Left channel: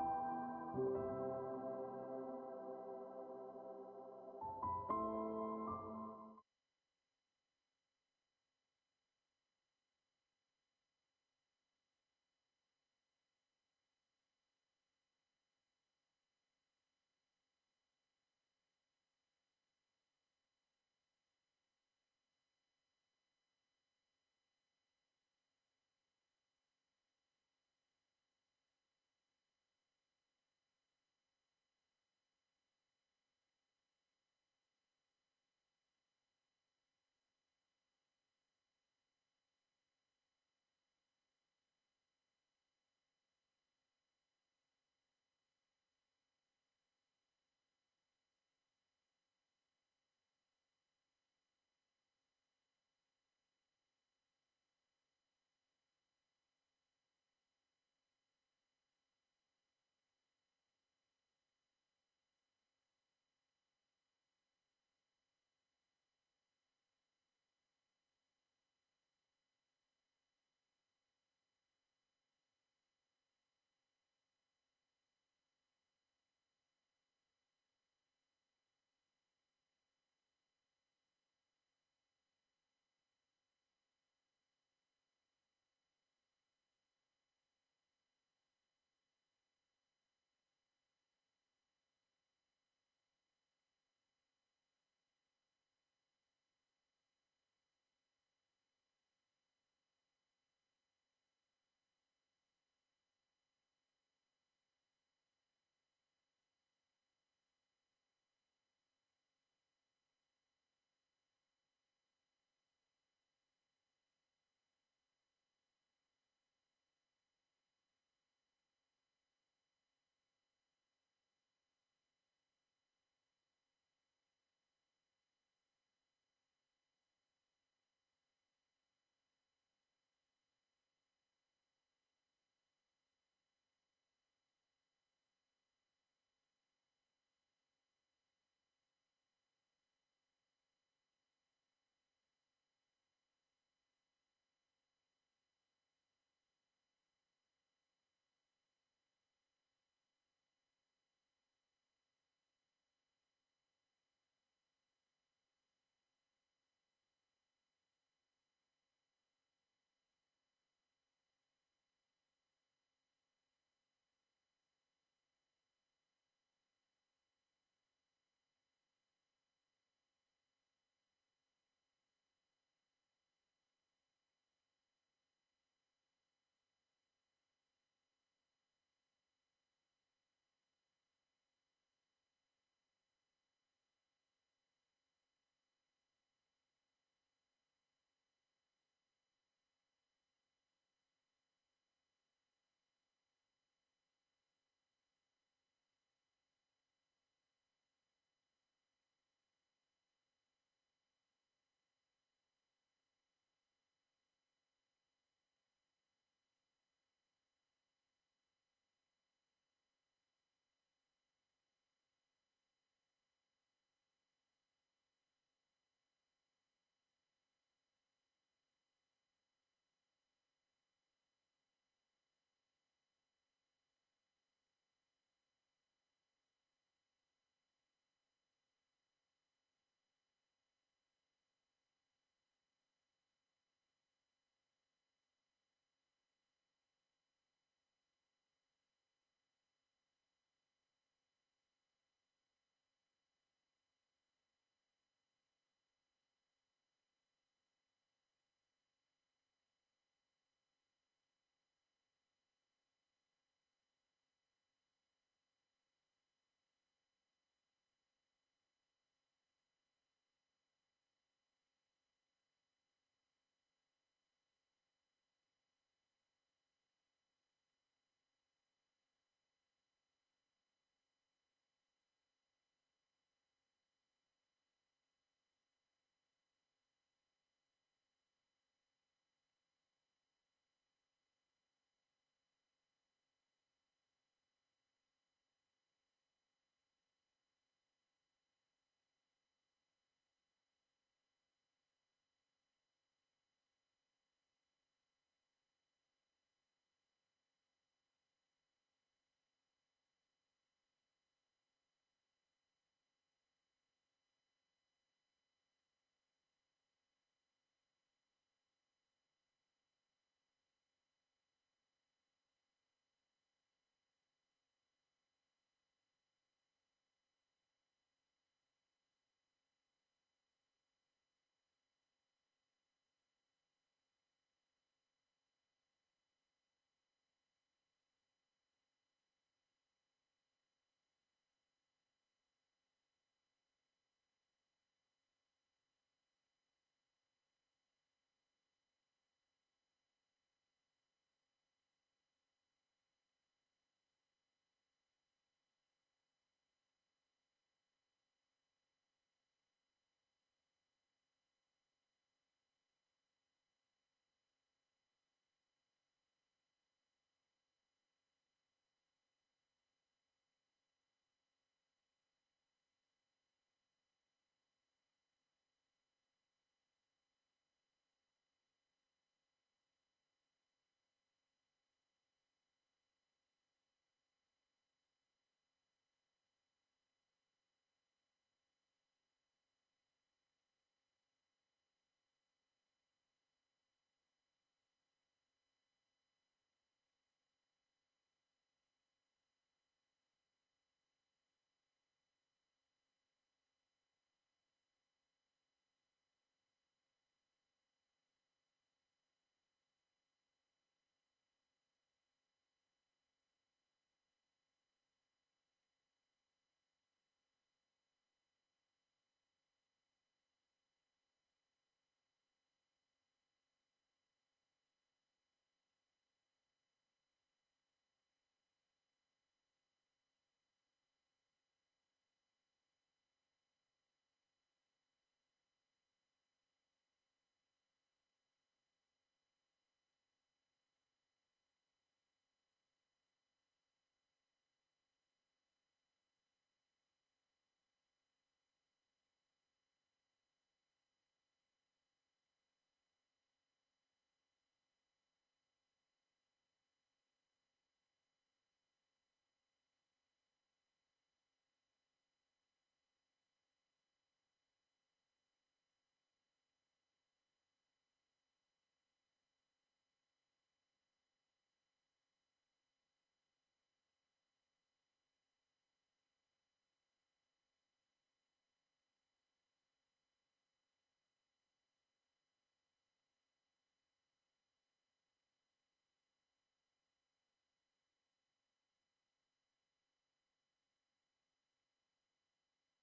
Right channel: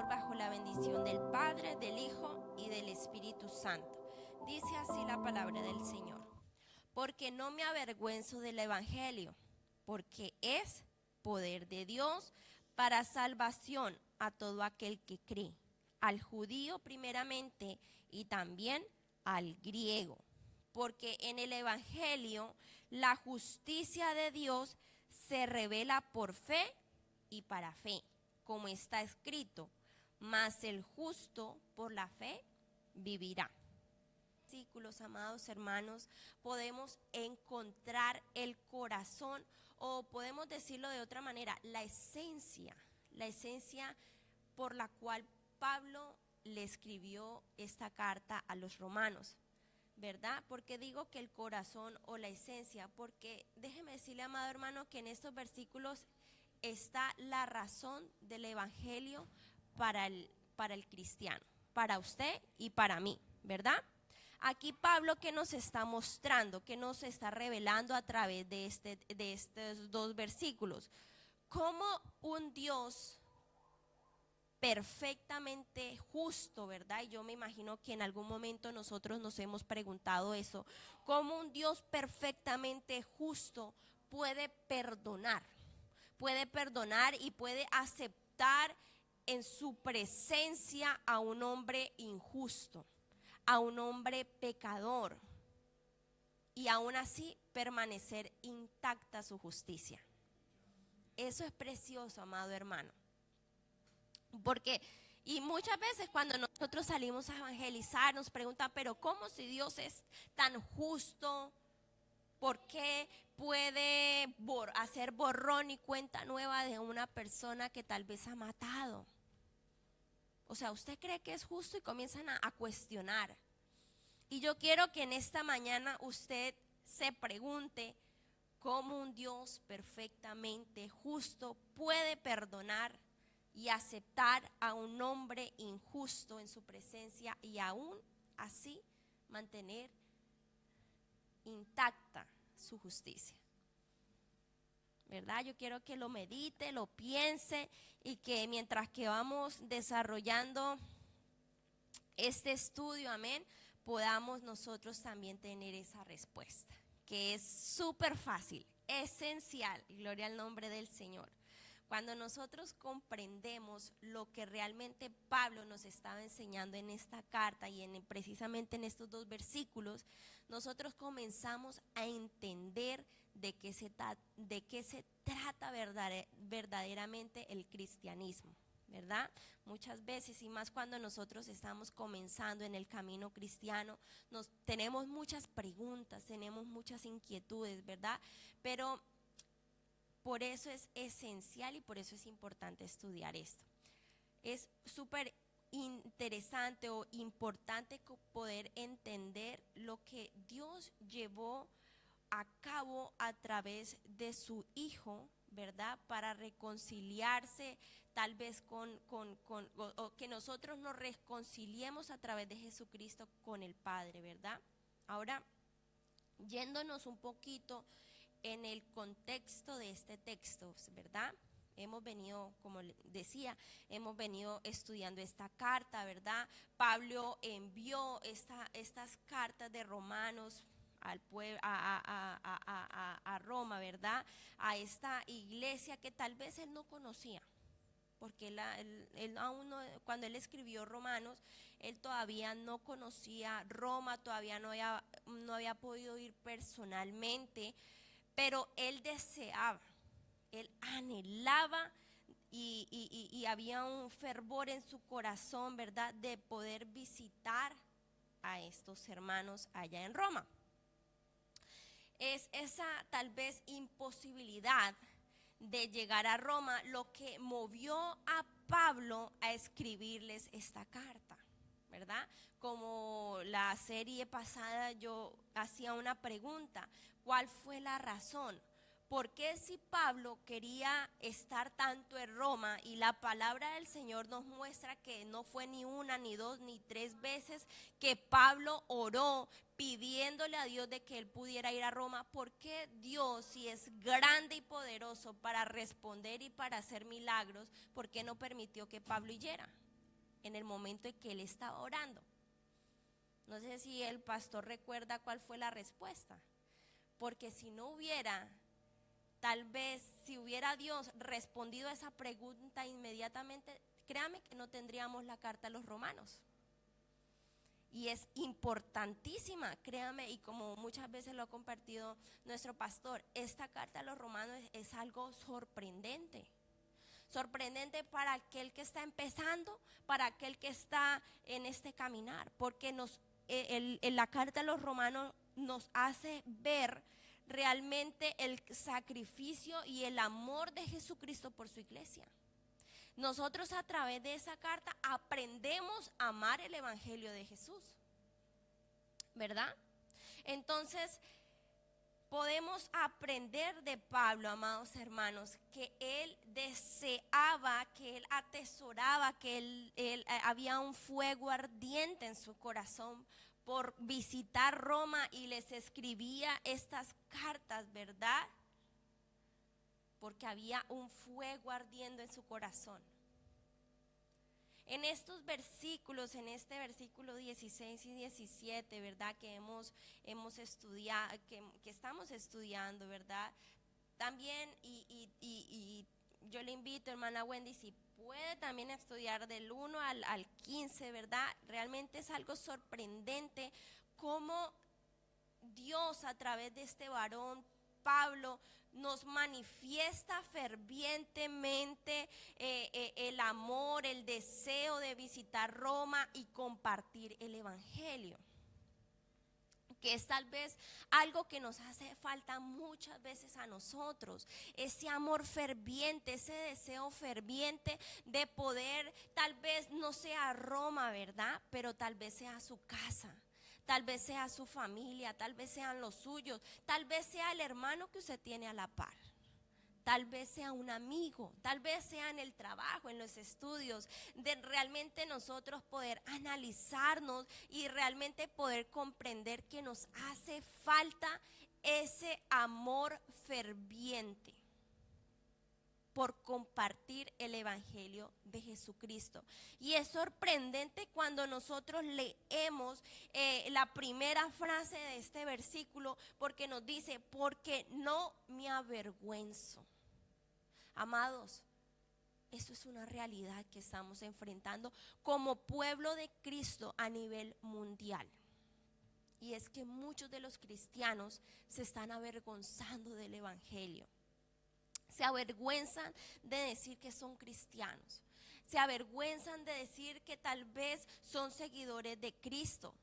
Señor bajo la bendición del Padre, del Hijo y del Espíritu Santo. Dice así la palabra del Señor. Porque no me avergüenzo del Evangelio, porque es poder de Dios para salvación a todo aquel que cree, al judío primeramente y también al griego. Porque en el Evangelio la justicia de Dios se revela por fe y para fe, como está escrito, mas el justo por la fe vivirá. Versículos, amados hermanos, podemos encontrar el corazón, o podemos decirlo de otra manera, la esencia por la cual Pablo le escribió esta carta a los romanos, ¿verdad? Porque digo que el corazón o la esencia, porque déjeme decirle, amado hermano, que en estos versículos está la razón del evangelio para el cristiano, para usted y para mí, ¿verdad? Aquí Pablo, ¿qué nos está mostrando? ¿Qué nos está revelando a través de estos dos versículos? Cómo un Dios perfectamente justo, ¿verdad? Y yo me imagino que en algún momento nosotros nos hemos preguntado eso. ¿Cómo un Dios perfectamente justo puede perdonar y puede aceptar en su presencia a un hombre injusto, a un hombre pecador, y aún así permanecer intacta su justicia? Eso es precioso, amado hermano. Porque, y muchas veces cuando nosotros salimos a evangelizar nos preguntan, pero ¿cómo si Dios es tan justo? ¿Por qué puede hacer borrón y cuenta nueva de una persona que tal vez ha matado? O sea, ¿usted cree que es justo? Y comienzan a cuestionar. Y yo quiero que en esta mañana usted se pregunte cómo un Dios perfectamente justo puede perdonar y aceptar a un hombre injusto en su presencia y aún así mantener intacta su justicia, ¿verdad? Yo quiero que lo medite, lo piense, y que mientras que vamos desarrollando este estudio, amén, podamos nosotros también tener esa respuesta, que es súper fácil, esencial, gloria al nombre del Señor. Cuando nosotros comprendemos lo que realmente Pablo nos estaba enseñando en esta carta y precisamente en estos dos versículos, nosotros comenzamos a entender de qué se trata verdaderamente el cristianismo, ¿verdad? Muchas veces, y más cuando nosotros estamos comenzando en el camino cristiano, tenemos muchas preguntas, tenemos muchas inquietudes, ¿verdad? Pero por eso es esencial y por eso es importante estudiar esto. Es súper interesante o importante poder entender lo que Dios llevó a cabo a través de su Hijo, ¿verdad? Para reconciliarse tal vez o que nosotros nos reconciliemos a través de Jesucristo con el Padre, ¿verdad? Ahora, yéndonos un poquito en el contexto de este texto, ¿verdad? Hemos venido, como decía, hemos venido estudiando esta carta, ¿verdad? Pablo envió estas cartas de Romanos al pueblo, a Roma, ¿verdad? A esta iglesia que tal vez él no conocía, porque él aún no, cuando él escribió Romanos, él todavía no conocía Roma, todavía no había podido ir personalmente, pero él deseaba, él anhelaba y había un fervor en su corazón, ¿verdad?, de poder visitar a estos hermanos allá en Roma. Es esa tal vez imposibilidad de llegar a Roma lo que movió a Pablo a escribirles esta carta, ¿verdad? Como la serie pasada yo hacía una pregunta, ¿cuál fue la razón? ¿Por qué si Pablo quería estar tanto en Roma y la palabra del Señor nos muestra que no fue ni una, ni dos, ni tres veces que Pablo oró pidiéndole a Dios de que él pudiera ir a Roma? ¿Por qué Dios, si es grande y poderoso para responder y para hacer milagros, por qué no permitió que Pablo yera? en el momento en que él estaba orando. No sé si el pastor recuerda cuál fue la respuesta, porque si no hubiera, tal vez si hubiera Dios respondido a esa pregunta inmediatamente, créame que no tendríamos la carta a los romanos. Y es importantísima, créame, y como muchas veces lo ha compartido nuestro pastor, esta carta a los romanos es algo sorprendente. Sorprendente para aquel que está empezando, para aquel que está en este caminar, porque la carta a los romanos nos hace ver realmente el sacrificio y el amor de Jesucristo por su iglesia. Nosotros a través de esa carta aprendemos a amar el evangelio de Jesús, ¿verdad? Entonces podemos aprender de Pablo, amados hermanos, que él deseaba, que él atesoraba, que él había un fuego ardiente en su corazón por visitar Roma y les escribía estas cartas, ¿verdad? Porque había un fuego ardiendo en su corazón. En estos versículos, en este versículo 16 y 17, ¿verdad? Que hemos estudiado, que estamos estudiando, ¿verdad? También, y yo le invito, hermana Wendy, si puede también estudiar del 1 al 15, ¿verdad? Realmente es algo sorprendente cómo Dios a través de este varón, Pablo, nos manifiesta fervientemente el amor, el deseo de visitar Roma y compartir el evangelio, que es tal vez algo que nos hace falta muchas veces a nosotros, ese amor ferviente, ese deseo ferviente de poder, tal vez no sea Roma, ¿verdad? Pero tal vez sea su casa. Tal vez sea su familia, tal vez sean los suyos, tal vez sea el hermano que usted tiene a la par, tal vez sea un amigo, tal vez sea en el trabajo, en los estudios, de realmente nosotros poder analizarnos y realmente poder comprender que nos hace falta ese amor ferviente por compartir el evangelio de Jesucristo. Y es sorprendente cuando nosotros leemos la primera frase de este versículo, porque nos dice, porque no me avergüenzo. Amados, eso es una realidad que estamos enfrentando como pueblo de Cristo a nivel mundial. Y es que muchos de los cristianos se están avergonzando del evangelio. Se avergüenzan de decir que son cristianos. Se avergüenzan de decir que tal vez son seguidores de Cristo.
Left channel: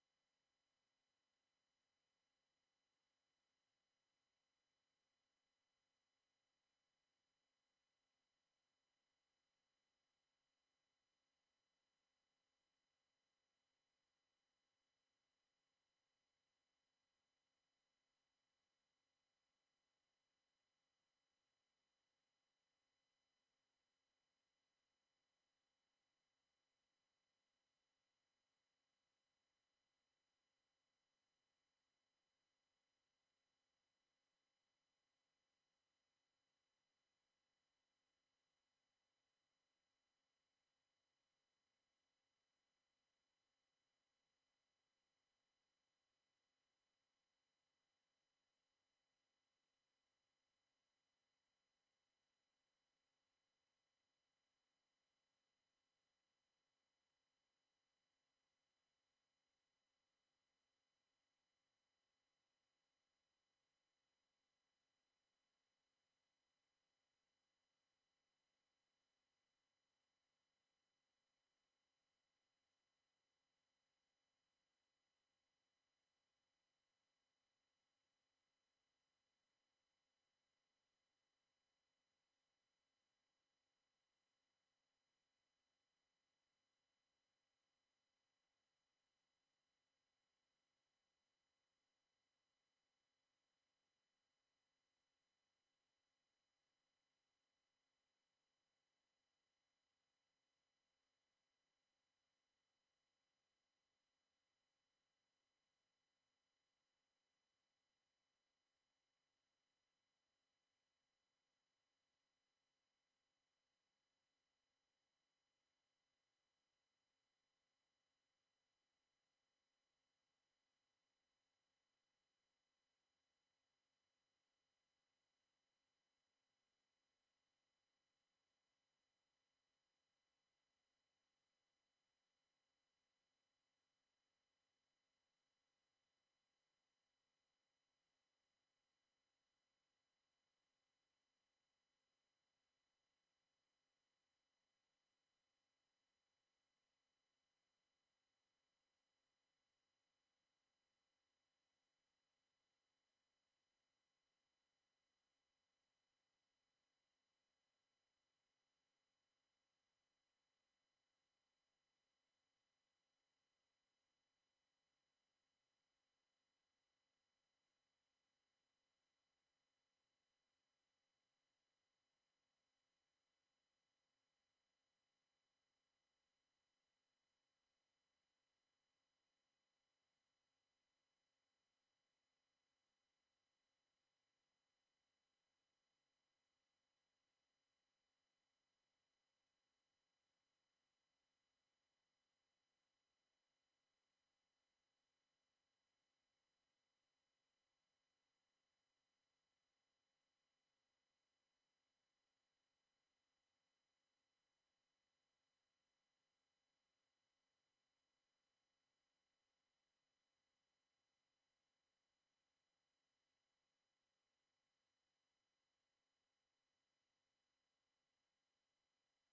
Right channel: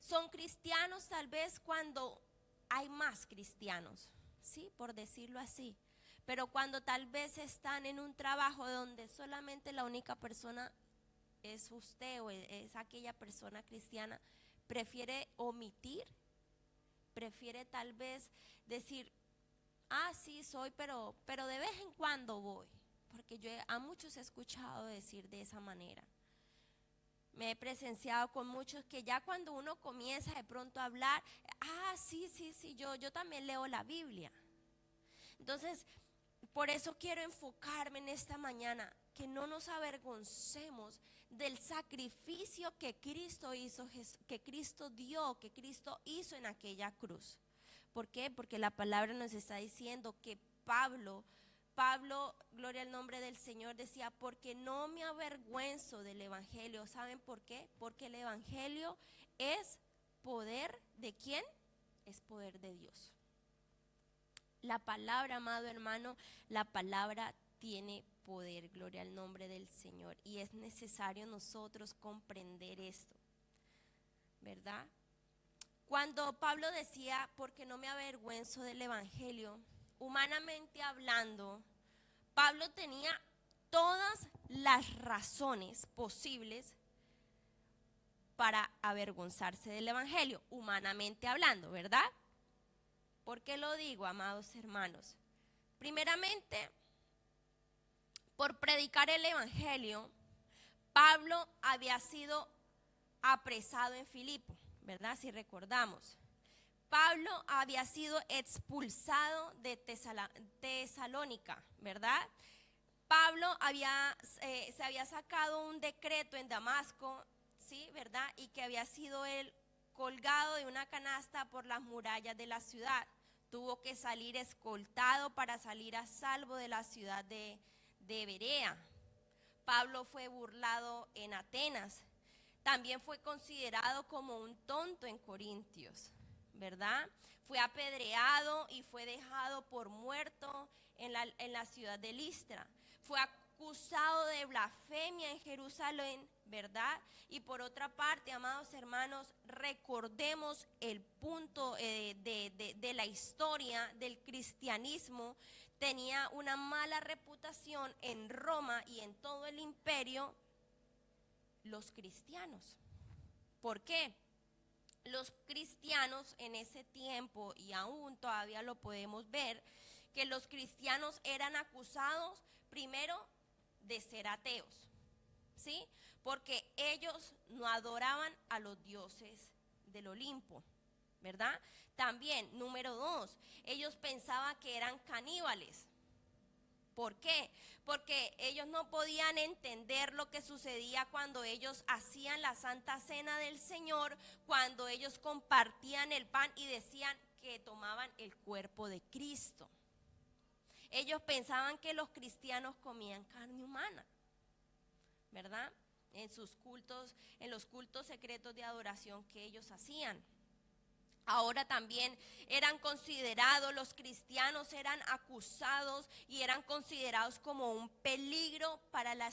Son cristianos tal vez cuando hay más cristianos, ¿sí? Por decirlo así. Pero cuando tal vez están en un trabajo donde solamente la única persona es usted o es aquella persona cristiana, prefiere omitir, prefiere tal vez decir, sí soy, pero de vez en cuando voy, porque yo a muchos he escuchado decir de esa manera. Me he presenciado con muchos que ya cuando uno comienza de pronto a hablar, sí, yo también leo la Biblia. Entonces, por eso quiero enfocarme en esta mañana, que no nos avergoncemos del sacrificio que Cristo hizo, que Cristo dio, que Cristo hizo en aquella cruz. ¿Por qué? Porque la palabra nos está diciendo que Pablo, gloria al nombre del Señor, decía, porque no me avergüenzo del evangelio. ¿Saben por qué? Porque el evangelio es poder ¿de quién? Es poder de Dios. La palabra, amado hermano, la palabra tiene poder, gloria al nombre del Señor. Y es necesario nosotros comprender esto, ¿verdad? Cuando Pablo decía, porque no me avergüenzo del evangelio, humanamente hablando, Pablo tenía todas las razones posibles para avergonzarse del evangelio, humanamente hablando, ¿verdad? ¿Por qué lo digo, amados hermanos? Primeramente, por predicar el evangelio, Pablo había sido apresado en Filipo, ¿verdad? Si recordamos. Pablo había sido expulsado de Tesalónica, ¿verdad? Pablo se había sacado un decreto en Damasco, ¿sí? ¿Verdad? Y que había sido él colgado de una canasta por las murallas de la ciudad. Tuvo que salir escoltado para salir a salvo de la ciudad de Berea. Pablo fue burlado en Atenas. También fue considerado como un tonto en Corintios, ¿verdad? Fue apedreado y fue dejado por muerto en la ciudad de Listra. Fue acusado de blasfemia en Jerusalén, ¿verdad? Y por otra parte, amados hermanos, recordemos el punto de la historia del cristianismo. Tenía una mala reputación en Roma y en todo el imperio los cristianos. ¿Por qué? Los cristianos en ese tiempo, y aún todavía lo podemos ver, que los cristianos eran acusados primero de ser ateos, ¿sí? Porque ellos no adoraban a los dioses del Olimpo, ¿verdad? También, número 2, ellos pensaban que eran caníbales. ¿Por qué? Porque ellos no podían entender lo que sucedía cuando ellos hacían la Santa Cena del Señor, cuando ellos compartían el pan y decían que tomaban el cuerpo de Cristo. Ellos pensaban que los cristianos comían carne humana, ¿verdad? En sus cultos, en los cultos secretos de adoración que ellos hacían. Ahora también eran considerados, los cristianos eran acusados y eran considerados como un peligro para la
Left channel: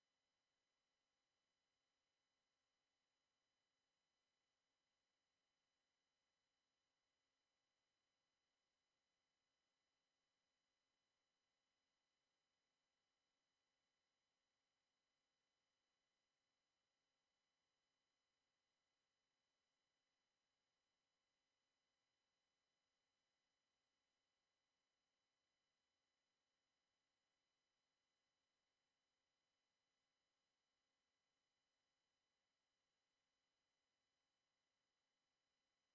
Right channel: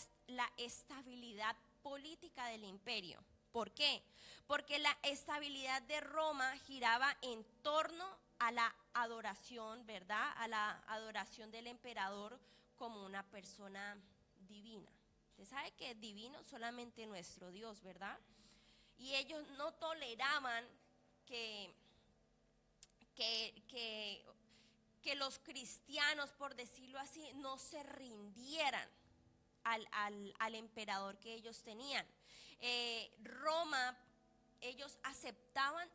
estabilidad política del imperio. ¿Por qué? Porque la estabilidad de Roma giraba en torno a la adoración, ¿verdad? A la adoración del emperador como una persona divina. Usted sabe que es divino solamente nuestro Dios, ¿verdad? Y ellos no toleraban que los cristianos, por decirlo así, no se rindieran al emperador que ellos tenían. Roma, ellos aceptaban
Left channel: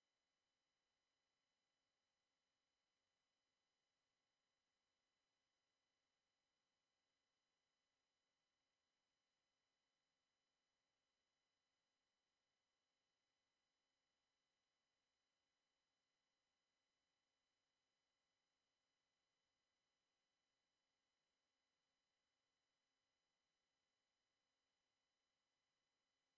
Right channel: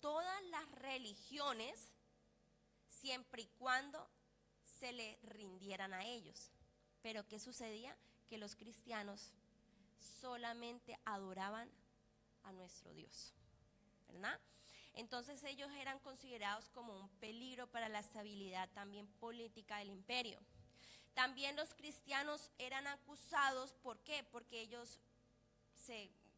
todas las religiones siempre y cuando se le rindieran a ellos. Pero ¿qué sucedía? Que los cristianos solamente adoraban a nuestro Dios, ¿verdad? Entonces ellos eran considerados como un peligro para la estabilidad también política del imperio. También los cristianos eran acusados, ¿por qué? Porque ellos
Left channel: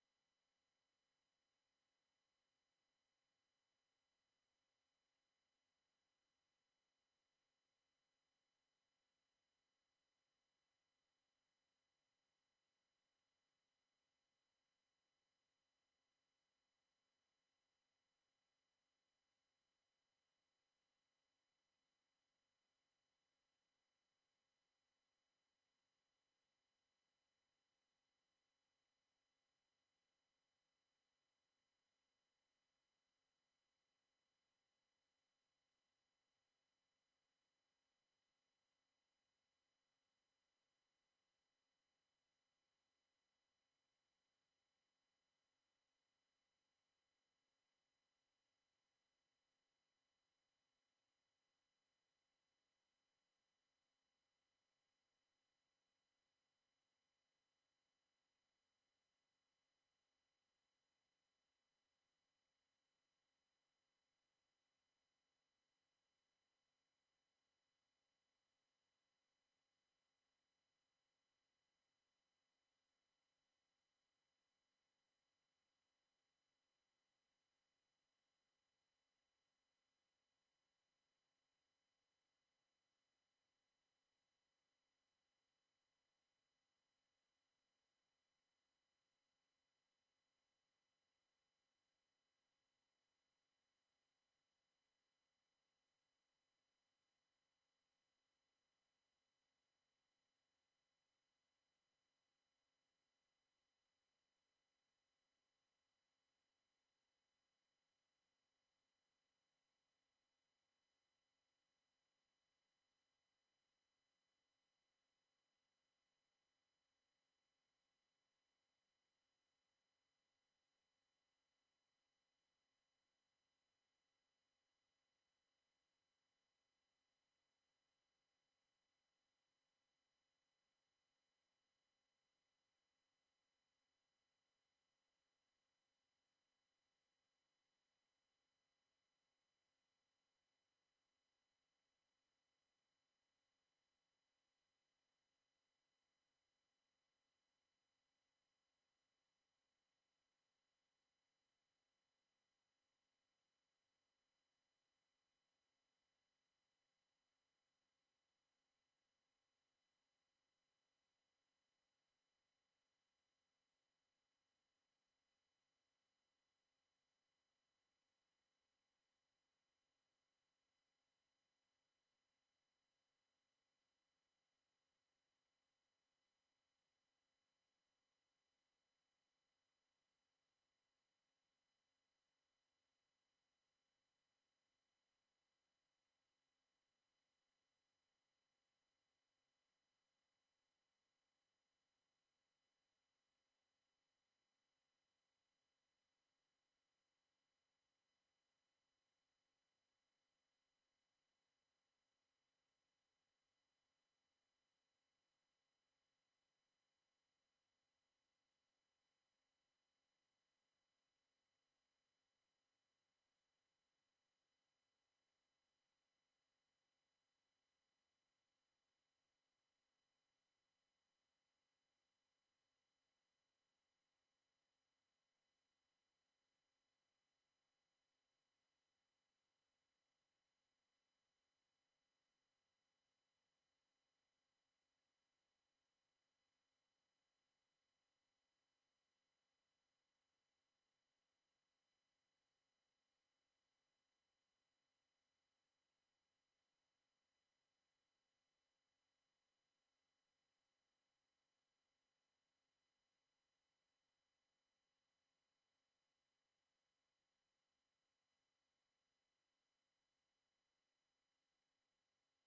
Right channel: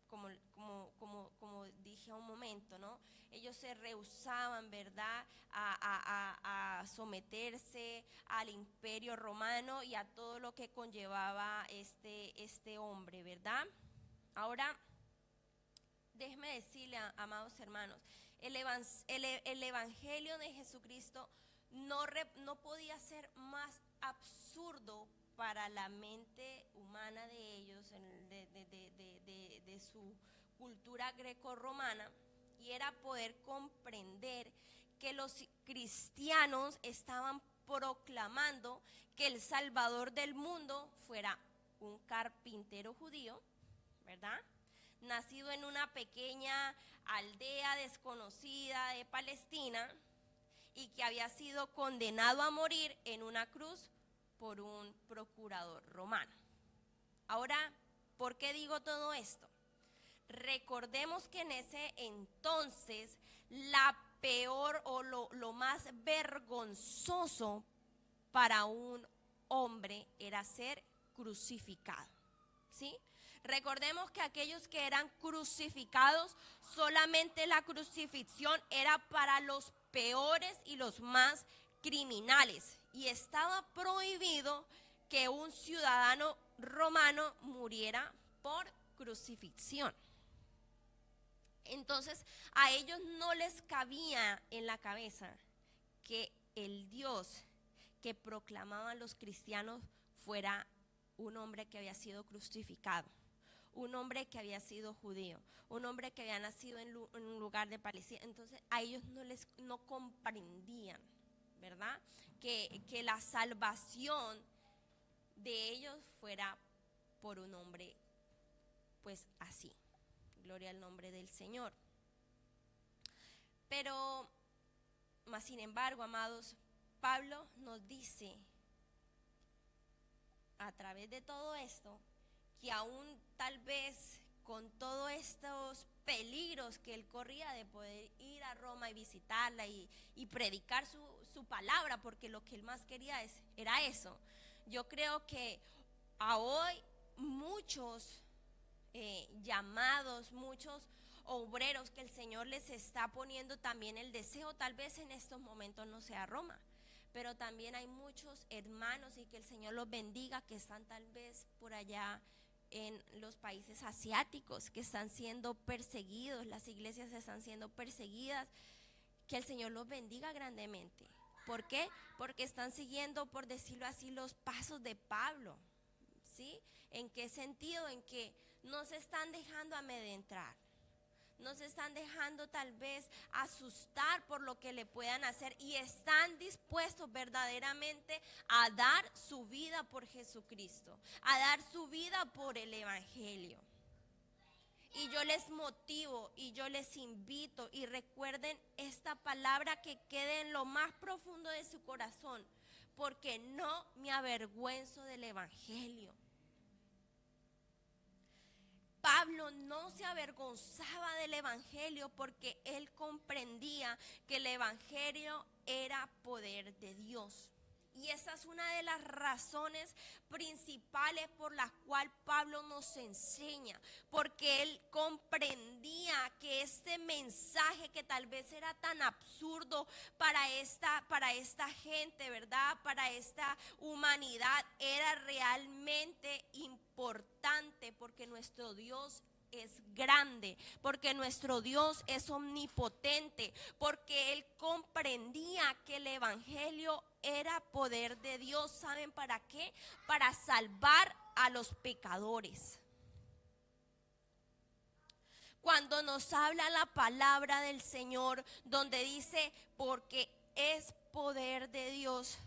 como dije un momento, ¿no? Ellos se rehusaban, ¿verdad?, a someterse al imperio romano y a todo lo que conllevaba este hombre, ¿verdad? Ahora, déjeme decirle, amados hermanos, el evangelio de Jesucristo no podía ser más absurdo para la mente humana de ellos, de su cultura greco-romana, y era poder comprender que los cristianos estaban proclamando que el Salvador del mundo fuera un carpintero judío, ¿verdad?, nacido en una pequeña aldea desconocida de Palestina y que había sido condenado a morir en una cruz por un procurador romano. Ahora, ¿por qué digo todo esto? Recordemos que en ese entonces la peor o lo más vergonzoso para un hombre era ser crucificado, ¿sí? Recordemos que aquellos que eran crucificados, solamente la crucifixión era para los peores y los más criminales. Y estaba prohibido que un ciudadano romano muriera por crucifixión. Entonces, a ellos no les cabía en la cabeza que el Dios que proclamaban los cristianos fuera un hombre que había sido crucificado, un hombre que había sido judío, un hombre que había nacido en un lugar de Palestina. Entonces a ellos no comprendían, ¿verdad?, que la salvación de ellos fuera por un hombre pues así. Gloria al nombre del Señor. Pero, más sin embargo, amados, Pablo nos dice a través de todo esto, que aún tal vez con todos estos peligros que él corría de poder ir a Roma y visitarla y predicar su palabra, porque lo que él más quería era eso. Yo creo que a hoy muchos llamados, muchos obreros que el Señor les está poniendo también el deseo, tal vez en estos momentos no sea Roma, pero también hay muchos hermanos, y que el Señor los bendiga, que están tal vez por allá en los países asiáticos, que están siendo perseguidos, las iglesias están siendo perseguidas, que el Señor los bendiga grandemente. ¿Por qué? Porque están siguiendo, por decirlo así, los pasos de Pablo, ¿sí? ¿En qué sentido? En que no se están dejando amedrentar, no se están dejando tal vez asustar por lo que le puedan hacer, y están dispuestos verdaderamente a dar su vida por Jesucristo, a dar su vida por el Evangelio. Y yo les motivo y yo les invito, y recuerden esta palabra, que quede en lo más profundo de su corazón, porque no me avergüenzo del Evangelio. Pablo no se avergonzaba del Evangelio, porque él comprendía que el Evangelio era poder de Dios. Y esa es una de las razones principales por las cuales Pablo nos enseña, porque él comprendía que este mensaje, que tal vez era tan absurdo para esta gente, ¿verdad? Para esta humanidad, era realmente importante, porque nuestro Dios es grande, porque nuestro Dios es omnipotente, porque él comprendía que el Evangelio era poder de Dios. ¿Saben para qué? Para salvar a los pecadores. Cuando nos habla la palabra del Señor, donde dice, porque es poder de Dios.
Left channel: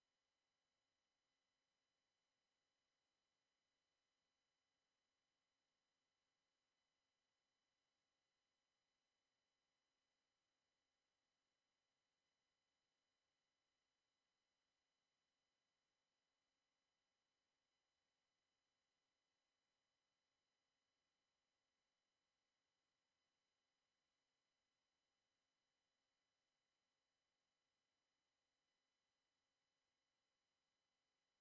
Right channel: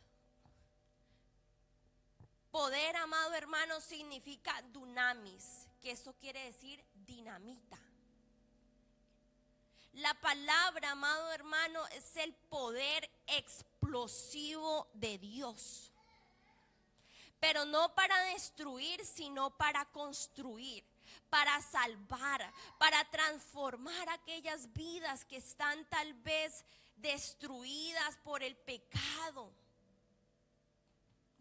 Poder, amado hermano, significa dunamis, que eso quiere decir dinamita. La palabra, amado hermano, es el poder explosivo de Dios. Pero no para destruir, sino para construir, para salvar, para transformar aquellas vidas que están tal vez destruidas por el pecado,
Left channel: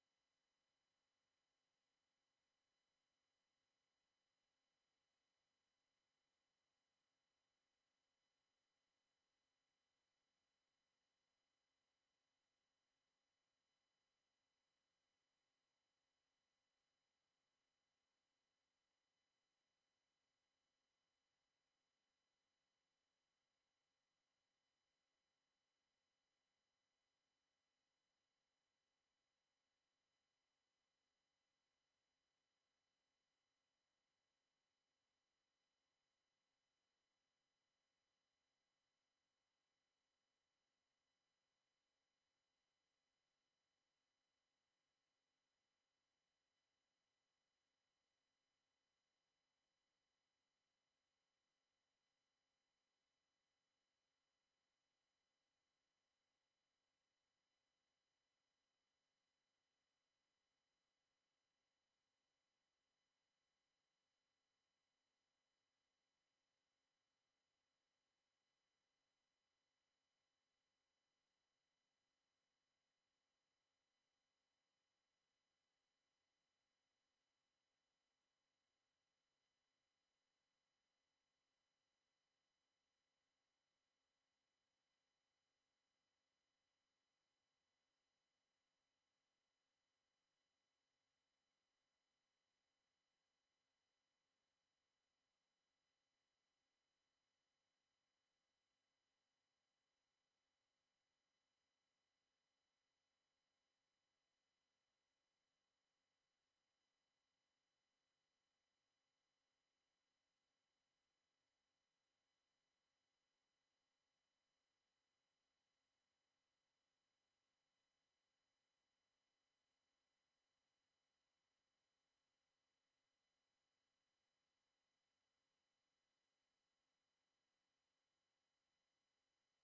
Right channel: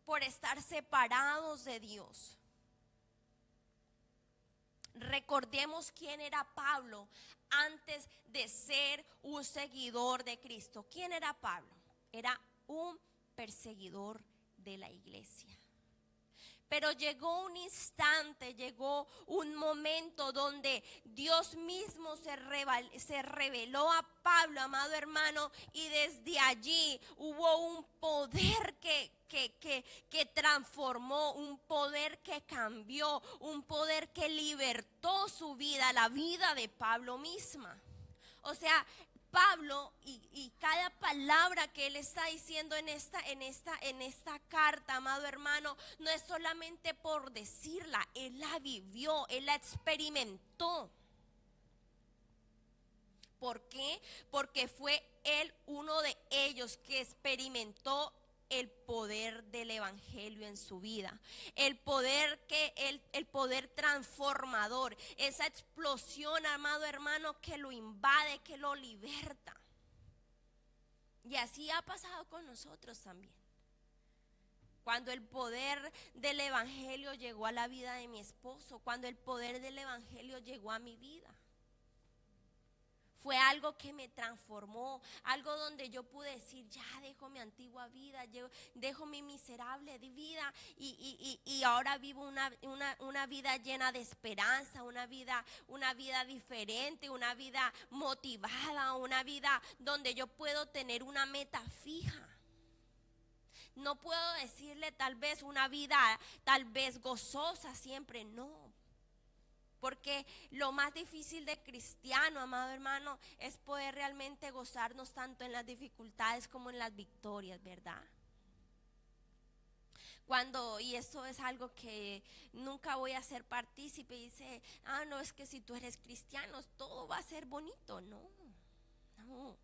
por estar separados de Dios. Recordemos quién era Pablo antes de ser un seguidor de Cristo. ¿Quién era Pablo? Era un perseguidor de la iglesia. Pero llegó un instante, llegó un momento donde Dios mismo se reveló a Pablo, amado hermano, y desde allí hubo un poder que transformó, un poder que cambió, un poder que libertó su vida, la vida de Pablo misma. O sea, Pablo y cada palabra que él está diciendo en esta carta, amado hermano, no es solamente por decirla, él la vivió, él la experimentó. ¿Por qué? Porque fue él uno de ellos que experimentó el poder del Evangelio en su vida, el poder transformador, esa explosión, amado hermano, que lo invade, que lo liberta. Y así ha pasado con nosotros también. Cuando el poder del Evangelio llegó a la vida de mi esposo, cuando el poder del Evangelio llegó a mi vida, fue algo que me transformó, algo donde yo pude decir, ya dejo mi antigua vida, yo dejo mi miserable vida y ahora vivo una vida llena de esperanza, una vida diferente, una vida motivada, una vida donde yo puedo tener una meta fija. No puedo decirle tal vez una vida tal vez gozosa siempre, no. Porque lo más difícil de cristiano, amado hermano, es poder realmente gozarnos tanto en las dificultades como en las victorias, ¿verdad? Y eso es algo que nunca voy a ser partícipe, y dice, no, es que si tú eres cristiano todo va a ser bonito. No.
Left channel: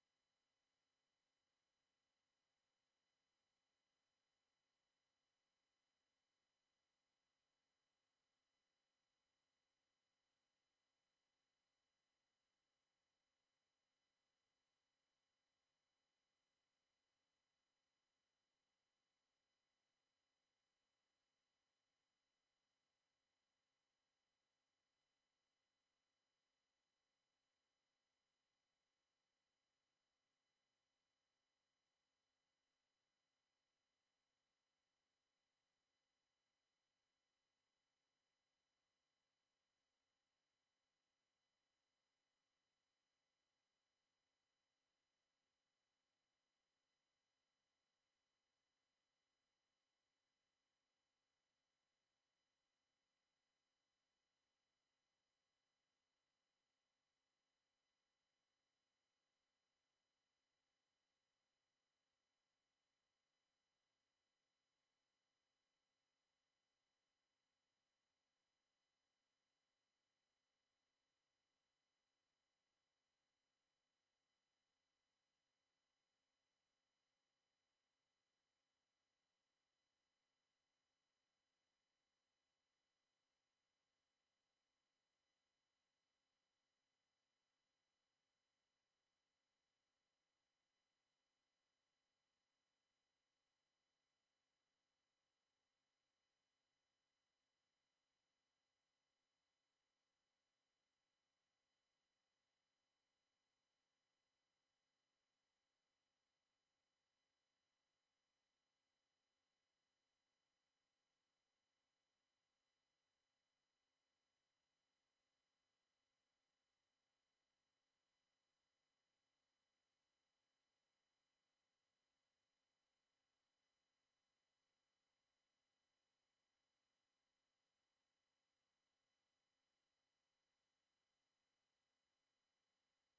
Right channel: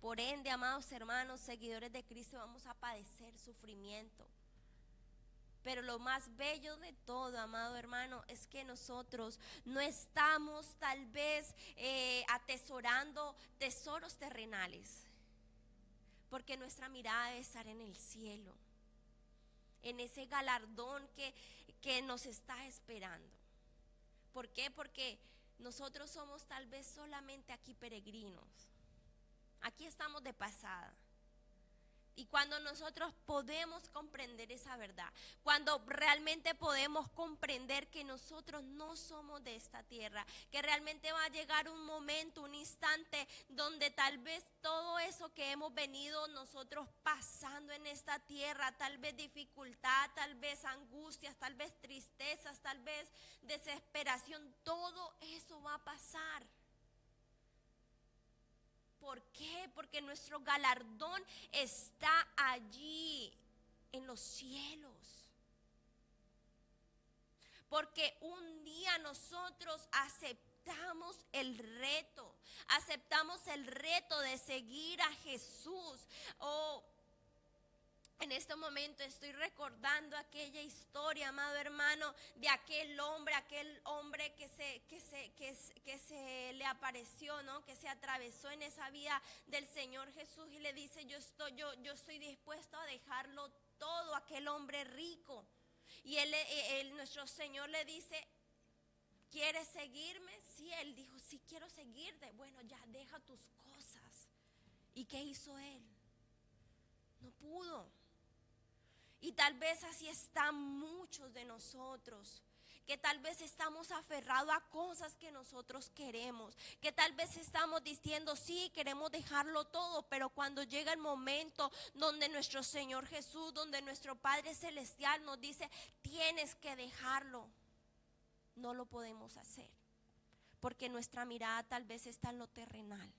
Por ende, amados hermanos, seguidores de Cristo, vamos a padecer sufrimiento. Pero lo más bello de todo, amado hermano, es que nosotros no estamos tal vez atesorando tesoros terrenales, porque nuestra mirada debe estar en el cielo, en ese galardón que nos está esperando. ¿Por qué? Porque nosotros somos tal vez solamente aquí peregrinos. Aquí estamos de pasada. Y cuando nosotros podemos comprender esa verdad, cuando realmente podemos comprender que nosotros no somos de esta tierra, que realmente va a llegar un momento, un instante donde tal vez todo eso que hemos venido nosotros pasando en esta tierra, tal vez dificultad, tal vez angustias, tal vez tristezas, tal vez desesperación, todo eso va a pasar. ¿Por qué? Porque nuestro galardón está allí en los cielos. Porque un día nosotros aceptamos el reto de seguir a Jesús. En este momento estoy recordando aquella historia, amado hermano, de aquel hombre que se le apareció, ¿no? Que se atravesó en esa vida del Señor Jesús y le dice, yo estoy dispuesto a dejarlo todo, aquel hombre rico. Y nuestro Señor le dice, ¿quieres seguirme? Sí, él dijo, sí, quiero seguirte. Bueno, ya deja tus cosas. ¿Y qué hizo él? No pudo. Y tal vez así están muchos de nosotros, que tal vez estamos aferrados a cosas que nosotros queremos, que tal vez estamos diciendo, sí, queremos dejarlo todo, pero cuando llega el momento donde nuestro Señor Jesús, donde nuestro Padre Celestial nos dice, tienes que dejarlo, no lo podemos hacer, porque nuestra mirada tal vez está en lo terrenal.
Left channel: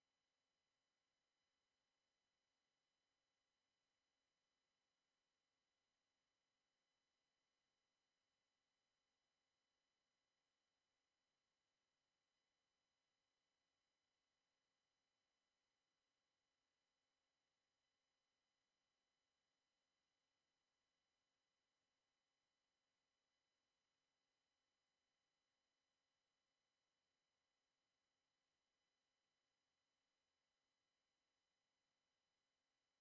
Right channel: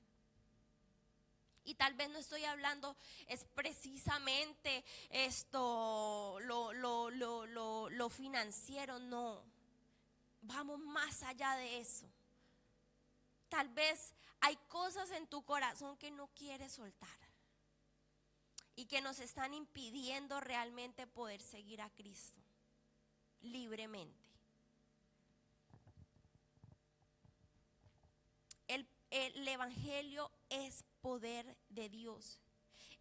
Y tal vez no estoy hablando es precisamente lo financiero, no. Vamos más allá de eso. Tal vez hay cosas en tu corazón que no quieres soltar y que nos están impidiendo realmente poder seguir a Cristo libremente. El Evangelio es poder de Dios.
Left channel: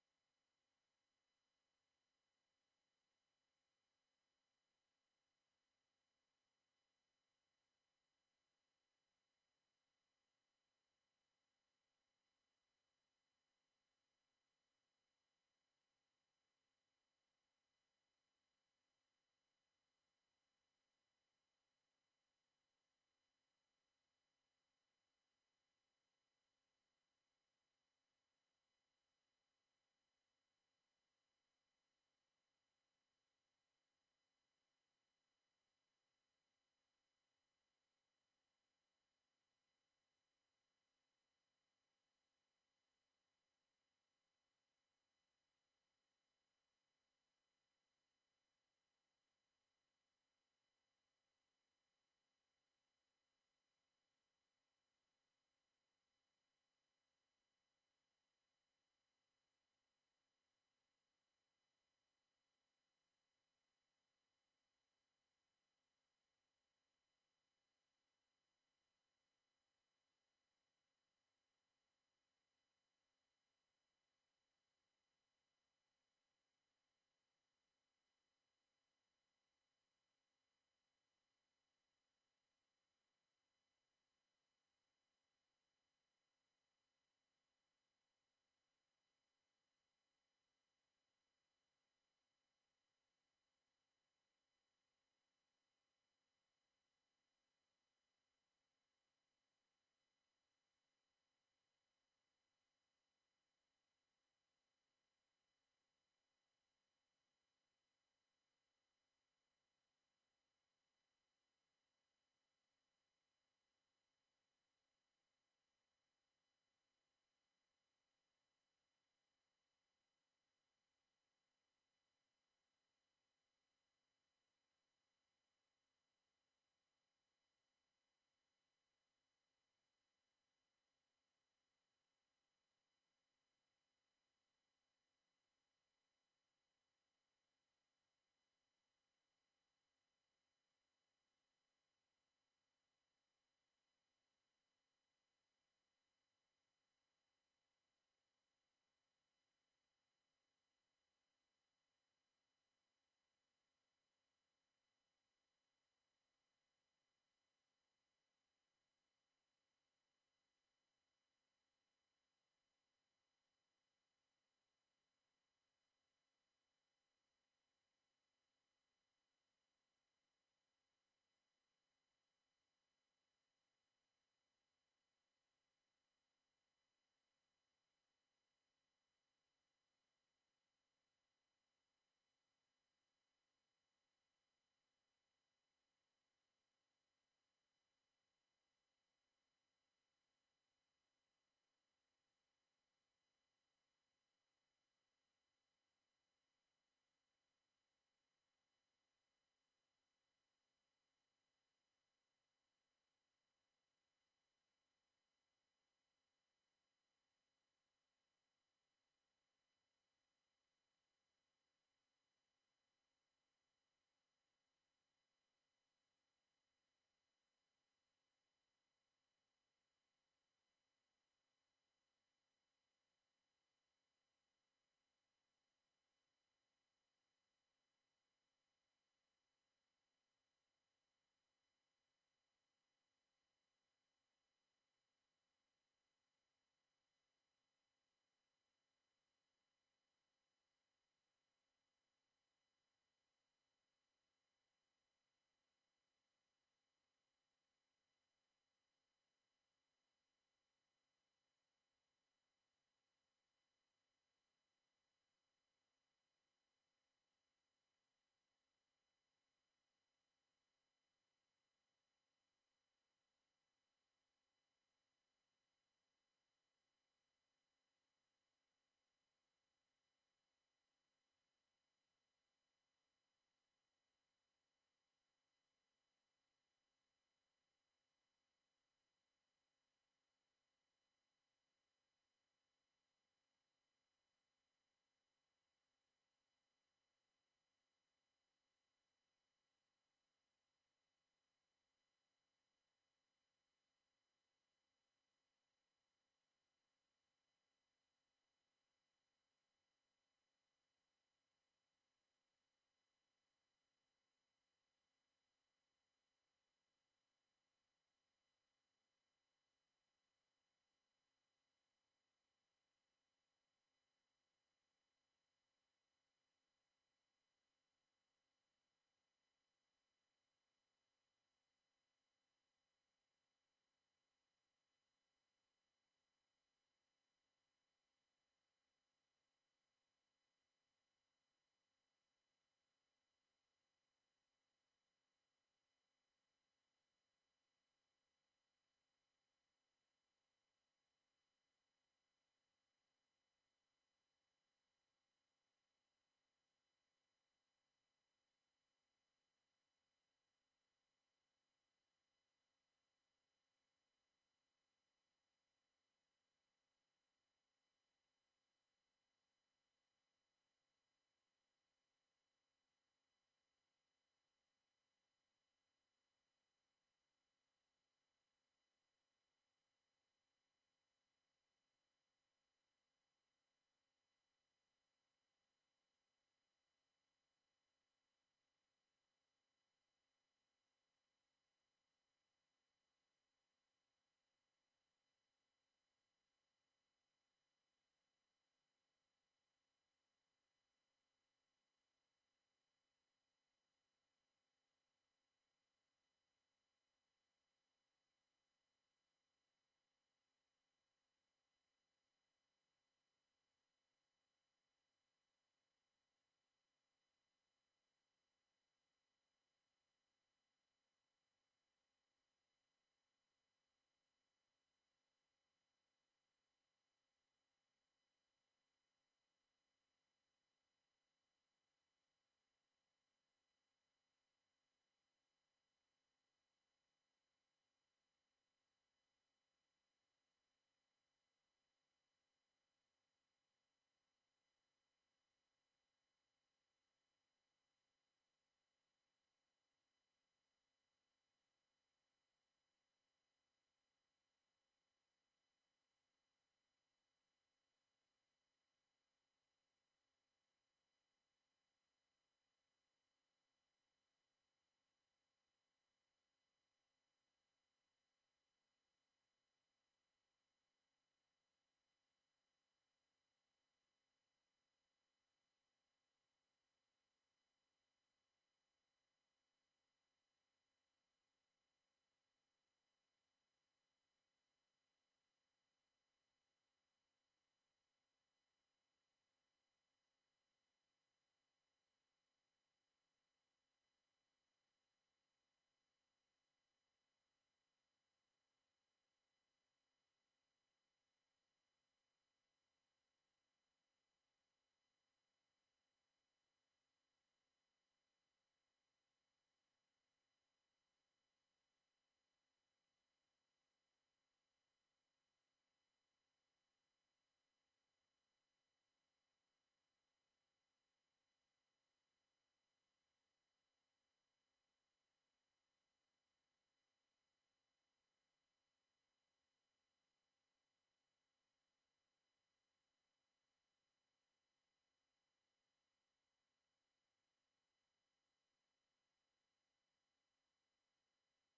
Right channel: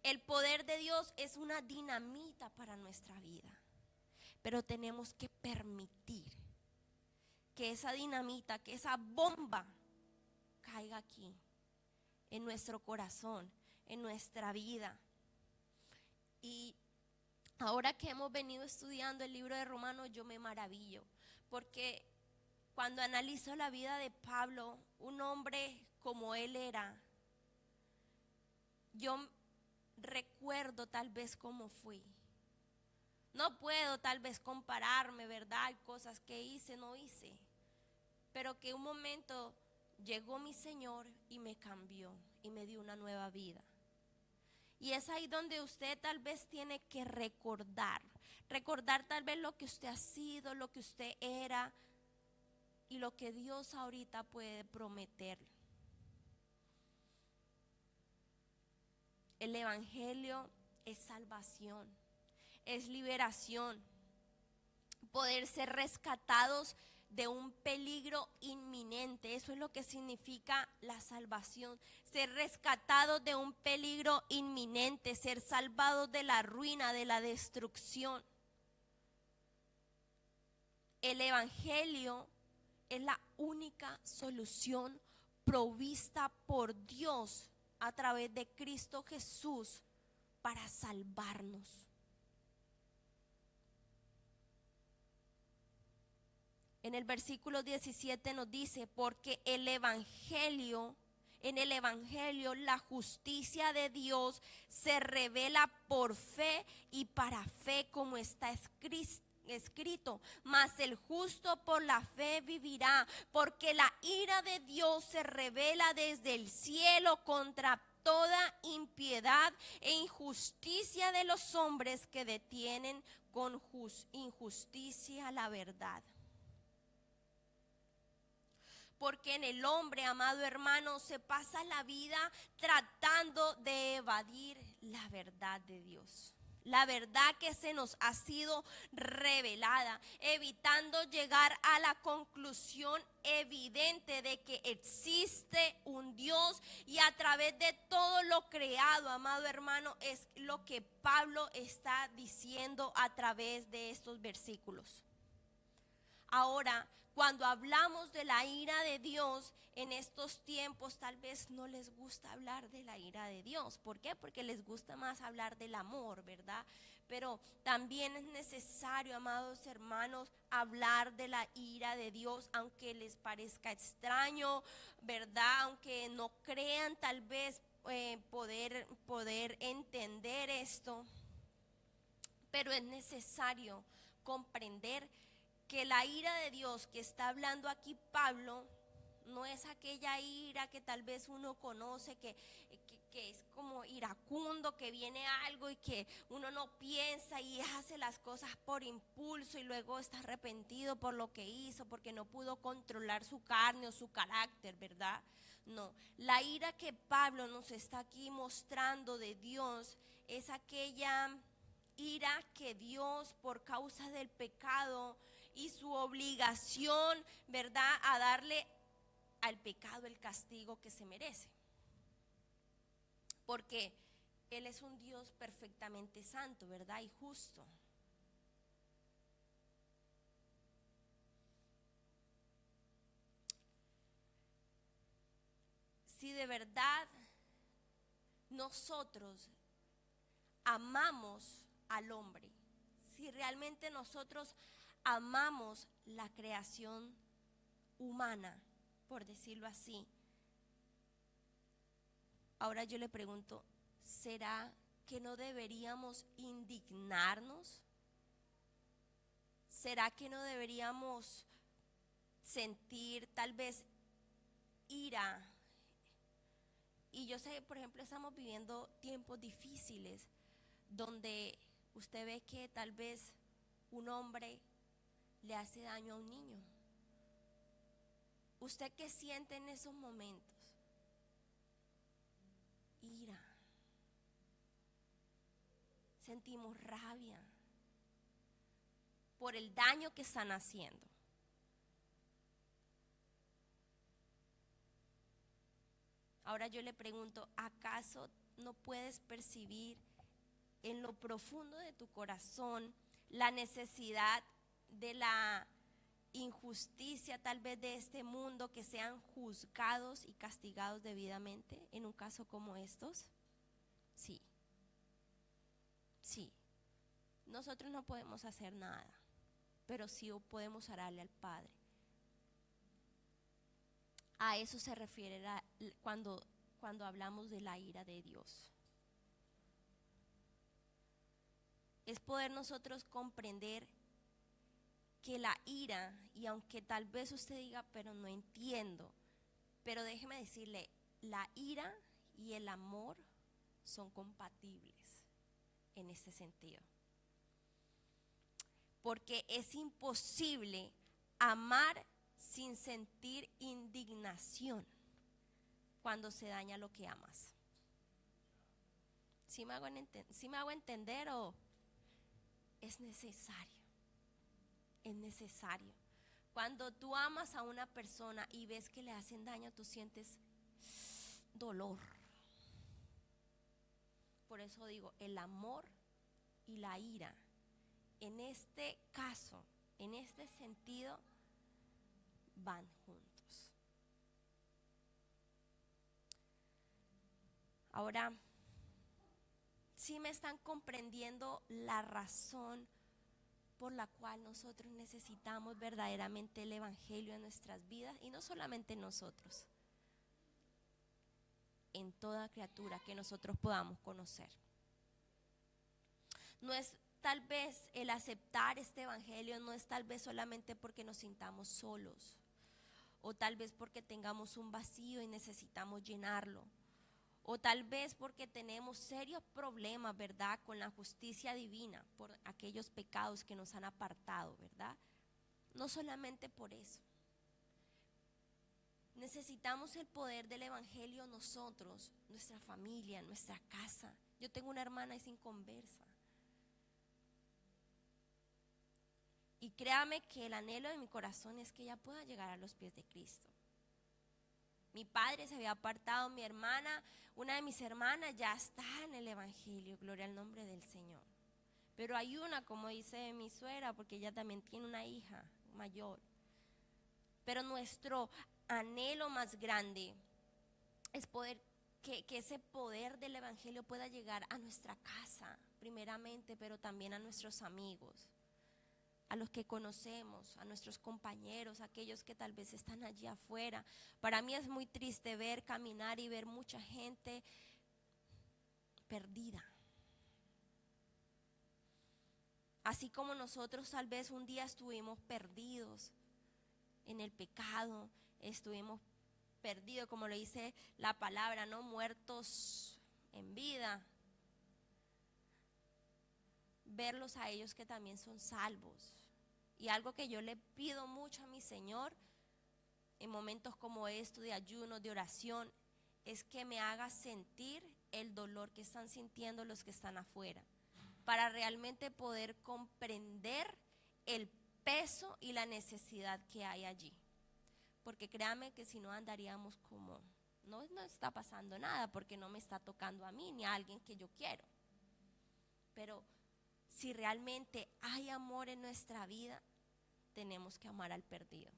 El poder de Dios es una dinamita para nuestra vida. Pero tenemos que permitir que esa dinamita, que esa bomba caiga aquí, en nuestro corazón, en nuestra vida. Y ahora que hemos venido estudiando el libro de Romanos, yo me maravillo, porque cuando analizo la vida de Pablo, un hombre como él era, yo recuerdo tal vez cómo fui. No puedo tal vez compararme, ¿verdad? Hay cosas que hice, no hice. Pero que un momento llegó mi Señor y me cambió y me dio una nueva vida. Y es ahí donde usted tal vez tiene que recordar tal vez lo que usted ha sido, lo que usted era y lo que Dios ahorita puede prometer. El Evangelio es salvación, es liberación, poder ser rescatados de un peligro inminente. Eso es lo que significa la salvación, ser rescatados de un peligro inminente, ser salvados de la ruina, de la destrucción. El Evangelio es la única solución provista por Dios a través de Cristo Jesús para salvarnos. En el versículo 17 nos dice, porque en el Evangelio la justicia de Dios se revela por fe y para fe, como está escrito, mas el justo por la fe vivirá, porque la ira de Dios se revela desde el cielo contra toda impiedad e injusticia de los hombres que detienen con injusticia la verdad. Porque en el hombre, amado hermano, se pasa la vida tratando de evadir la verdad de Dios. la verdad que se nos ha sido revelada, evitando llegar a la conclusión evidente de que existe un Dios y a través de todo lo creado, amado hermano, es lo que Pablo está diciendo a través de estos versículos. Ahora, cuando hablamos de la ira de Dios en estos tiempos, tal vez no les gusta hablar de la ira de Dios. ¿Por qué? Porque les gusta más hablar del amor, ¿verdad? Pero también es necesario, amados hermanos, hablar de la ira de Dios, aunque les parezca extraño, ¿verdad? Aunque no crean tal vez poder entender esto, pero es necesario comprender que la ira de Dios que está hablando aquí Pablo no es aquella ira que tal vez uno conoce, que es como iracundo, que viene algo y que uno no piensa y hace las cosas por impulso y luego está arrepentido por lo que hizo, porque no pudo controlar su carne o su carácter, ¿verdad? No, la ira que Pablo nos está aquí mostrando de Dios es aquella ira que Dios, por causa del pecado y su obligación, ¿verdad?, a darle al pecado el castigo que se merece. Porque Él es un Dios perfectamente santo, ¿verdad?, y justo. Si de verdad nosotros amamos al hombre, si realmente nosotros amamos la creación humana, por decirlo así, ahora yo le pregunto, ¿será que no deberíamos indignarnos? ¿Será que no deberíamos sentir tal vez ira? Y yo sé, por ejemplo, estamos viviendo tiempos difíciles donde usted ve que tal vez un hombre le hace daño a un niño. ¿Usted qué siente en esos momentos? Ira. Sentimos rabia por el daño que están haciendo. Ahora yo le pregunto, ¿acaso no puedes percibir en lo profundo de tu corazón la necesidad de la injusticia tal vez de este mundo, que sean juzgados y castigados debidamente en un caso como estos? Sí, sí. Nosotros no podemos hacer nada, pero sí podemos orarle al Padre. A eso se refiere cuando hablamos de la ira de Dios. Es poder nosotros comprender que la ira, y aunque tal vez usted diga, pero no entiendo, pero déjeme decirle, la ira y el amor son compatibles en este sentido. Porque es imposible amar sin sentir indignación cuando se daña lo que amas. ¿Sí me hago entender o es necesario? Es necesario. Cuando tú amas a una persona y ves que le hacen daño, tú sientes dolor. Por eso digo, el amor y la ira, en este caso, en este sentido, van juntos. Ahora, ¿sí me están comprendiendo la razón por la cual nosotros necesitamos verdaderamente el Evangelio en nuestras vidas? Y no solamente nosotros, en toda criatura que nosotros podamos conocer. No es tal vez el aceptar este Evangelio, no es tal vez solamente porque nos sintamos solos, o tal vez porque tengamos un vacío y necesitamos llenarlo, o tal vez porque tenemos serios problemas, ¿verdad?, con la justicia divina, por aquellos pecados que nos han apartado, ¿verdad? No solamente por eso. Necesitamos el poder del Evangelio nosotros, nuestra familia, nuestra casa. Yo tengo una hermana y es inconversa. Y créame que el anhelo de mi corazón es que ella pueda llegar a los pies de Cristo. Mi padre se había apartado, mi hermana, una de mis hermanas ya está en el Evangelio, gloria al nombre del Señor. Pero hay una, como dice mi suegra, porque ella también tiene una hija mayor. Pero nuestro anhelo más grande es poder que ese poder del Evangelio pueda llegar a nuestra casa, primeramente, pero también a nuestros amigos, a los que conocemos, a nuestros compañeros, a aquellos que tal vez están allí afuera. Para mí es muy triste ver caminar y ver mucha gente perdida. Así como nosotros tal vez un día estuvimos perdidos en el pecado, estuvimos perdidos, como lo dice la palabra, ¿no? Muertos en vida. Verlos a ellos que también son salvos. Y algo que yo le pido mucho a mi Señor en momentos como estos de ayuno, de oración, es que me haga sentir el dolor que están sintiendo los que están afuera, para realmente poder comprender el peso y la necesidad que hay allí. Porque créame que si no andaríamos como, no está pasando nada, porque no me está tocando a mí ni a alguien que yo quiero. Pero si realmente hay amor en nuestra vida, tenemos que amar al perdido.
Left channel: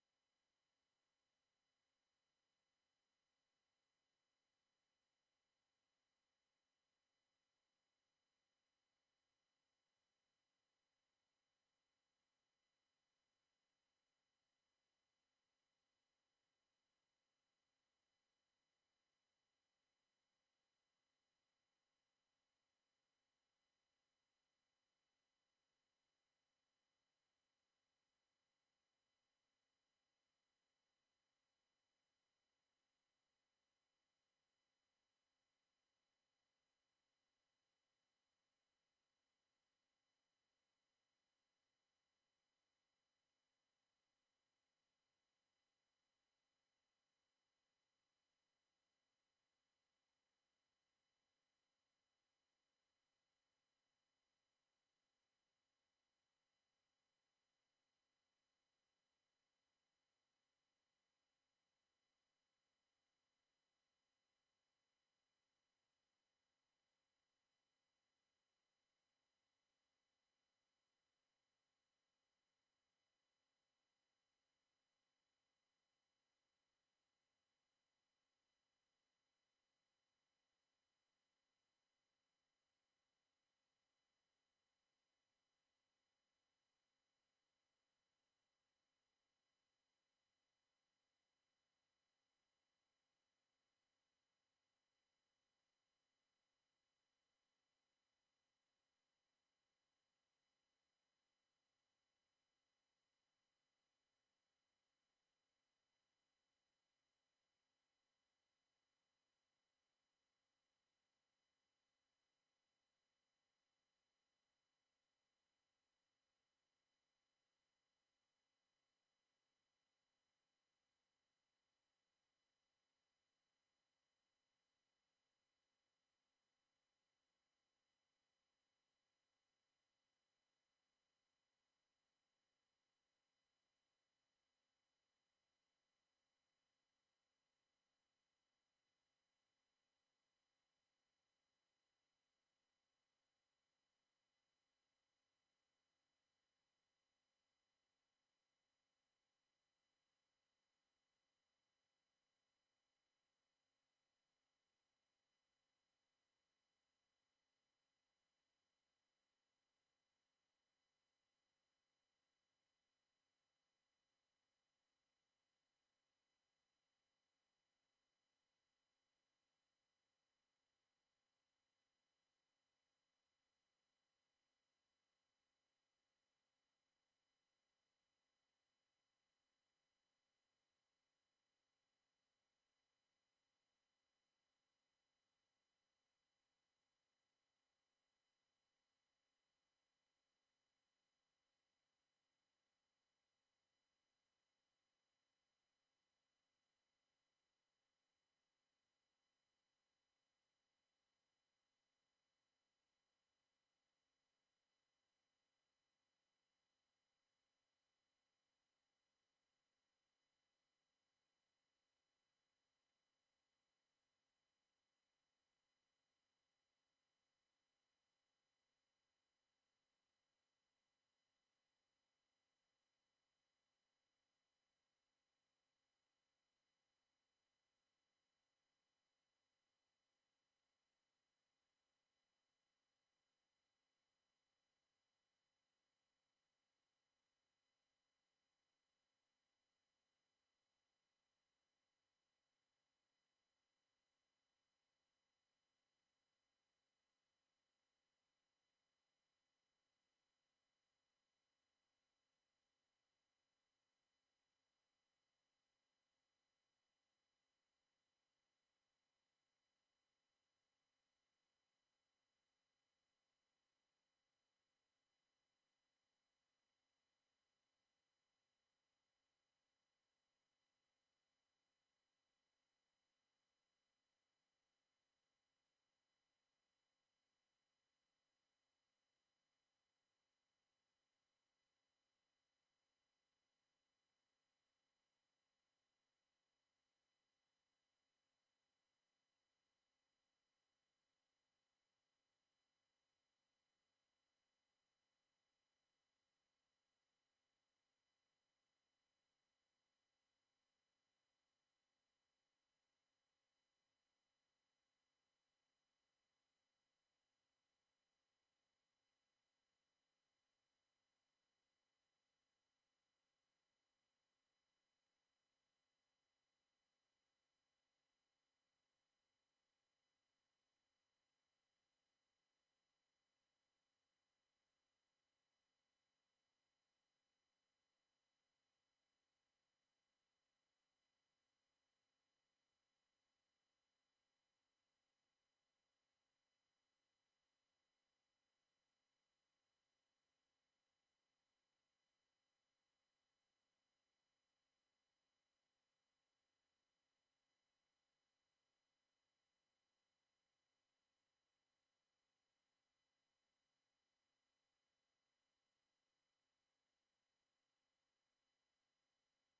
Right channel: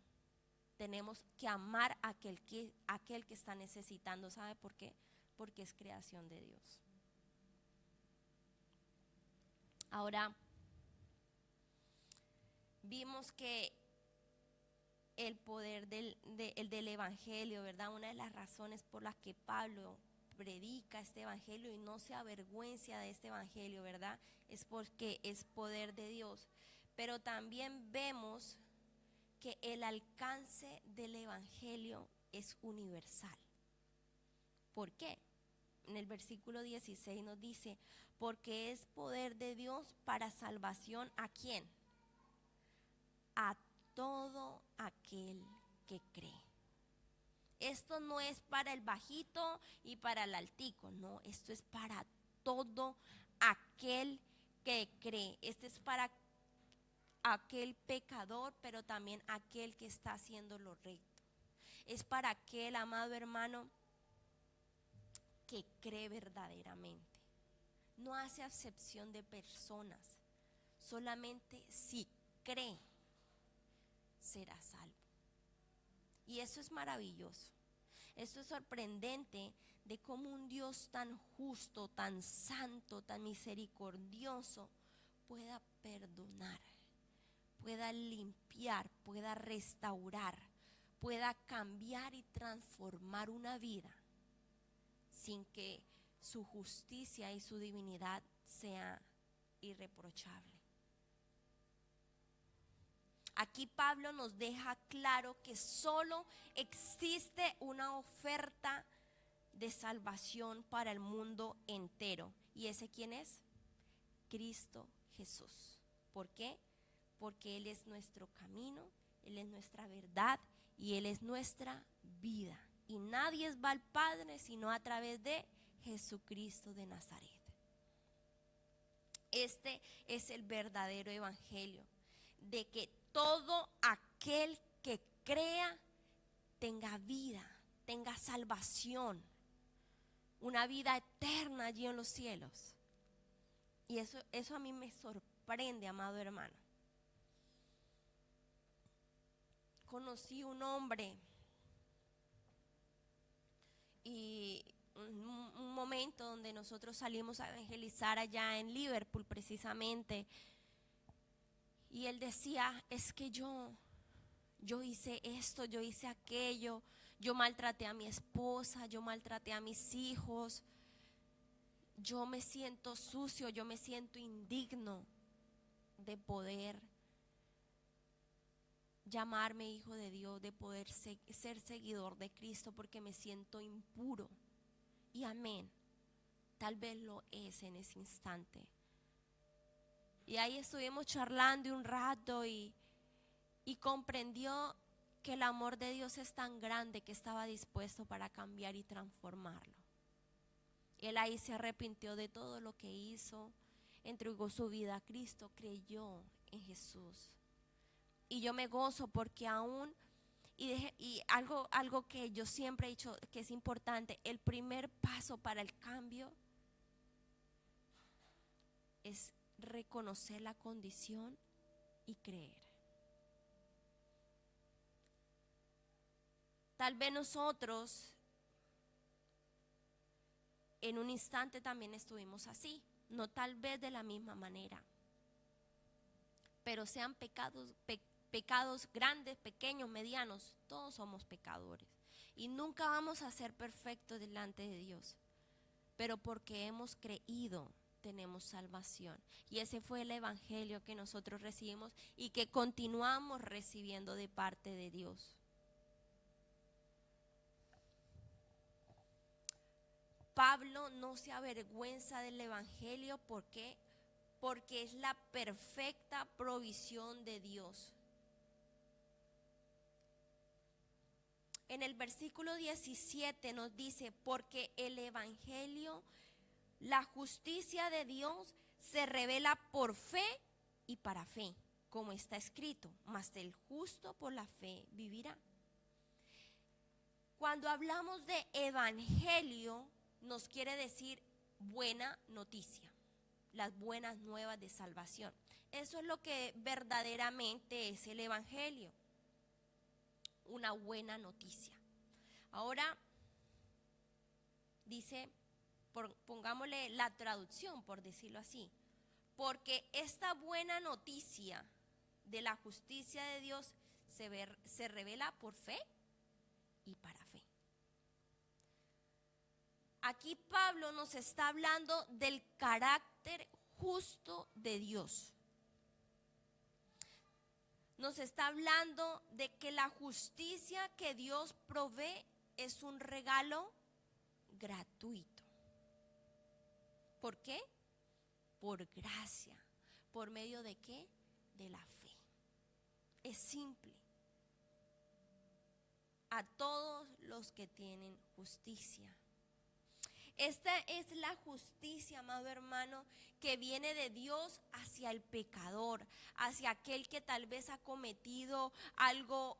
Tenemos que amar a aquel que está necesitando. ¿Sabe por qué? Porque es creación de Dios. Ahora, vimos que el poder del Evangelio, ¿verdad? Una de las razones por las que Pablo predica este Evangelio y no se avergüenza de este Evangelio, ¿verdad? Es porque es poder de Dios. Pero también vemos que el alcance del Evangelio es universal. ¿Por qué? En el versículo 16 nos dice, porque es poder de Dios para salvación, ¿a quién? A todo aquel que cree. Esto no es para el bajito y para el altico, no, esto es para todo aquel que cree. Este es para aquel pecador, pero también aquel que está haciendo lo recto. Es para aquel, amado hermano, que cree verdaderamente. No hace acepción de personas, solamente si cree, será salvo. Y eso es maravilloso. Esto es sorprendente de cómo un Dios tan justo, tan santo, tan misericordioso pueda perdonar, pueda limpiar, pueda restaurar, pueda cambiar y transformar una vida sin que su justicia y su divinidad sea irreprochable. Aquí Pablo nos deja claro que solo existe una oferta de salvación para el mundo entero. ¿Y ese quién es? Cristo Jesús. ¿Por qué? Porque Él es nuestro camino, Él es nuestra verdad y Él es nuestra vida. Y nadie va al Padre sino a través de Jesucristo de Nazaret. Este es el verdadero evangelio, de que todo aquel que crea tenga vida, tenga salvación, una vida eterna allí en los cielos. Y eso a mí me sorprende, amado hermano. Conocí un hombre y un momento donde nosotros salimos a evangelizar allá en Liverpool precisamente, y él decía, es que yo hice esto, yo hice aquello, yo maltraté a mi esposa, yo maltraté a mis hijos, yo me siento sucio, yo me siento indigno de poder llamarme hijo de Dios, de poder ser seguidor de Cristo, porque me siento impuro. Y amén, tal vez lo es en ese instante. Y ahí estuvimos charlando un rato y comprendió que el amor de Dios es tan grande que estaba dispuesto para cambiar y transformarlo. Él ahí se arrepintió de todo lo que hizo, entregó su vida a Cristo, creyó en Jesús. Y yo me gozo porque aún, y algo que yo siempre he dicho que es importante, el primer paso para el cambio es reconocer la condición y creer. Tal vez nosotros en un instante también estuvimos así, no tal vez de la misma manera, pero sean pecados grandes, pequeños, medianos, todos somos pecadores y nunca vamos a ser perfectos delante de Dios, pero porque hemos creído tenemos salvación, y ese fue el evangelio que nosotros recibimos y que continuamos recibiendo de parte de Dios. Pablo no se avergüenza del evangelio. ¿Por qué? Porque es la perfecta provisión de Dios. En el versículo 17 nos dice, porque el evangelio, la justicia de Dios, se revela por fe y para fe, como está escrito, mas el justo por la fe vivirá. Cuando hablamos de evangelio, nos quiere decir buena noticia, las buenas nuevas de salvación. Eso es lo que verdaderamente es el evangelio, una buena noticia. Ahora dice, pongámosle la traducción, por decirlo así, porque esta buena noticia de la justicia de Dios se revela por fe y para fe. Aquí Pablo nos está hablando del carácter justo de Dios. Nos está hablando de que la justicia que Dios provee es un regalo gratuito. ¿Por qué? Por gracia. ¿Por medio de qué? De la fe. Es simple. A todos los que tienen justicia. Esta es la justicia, amado hermano, que viene de Dios hacia el pecador, hacia aquel que tal vez ha cometido algo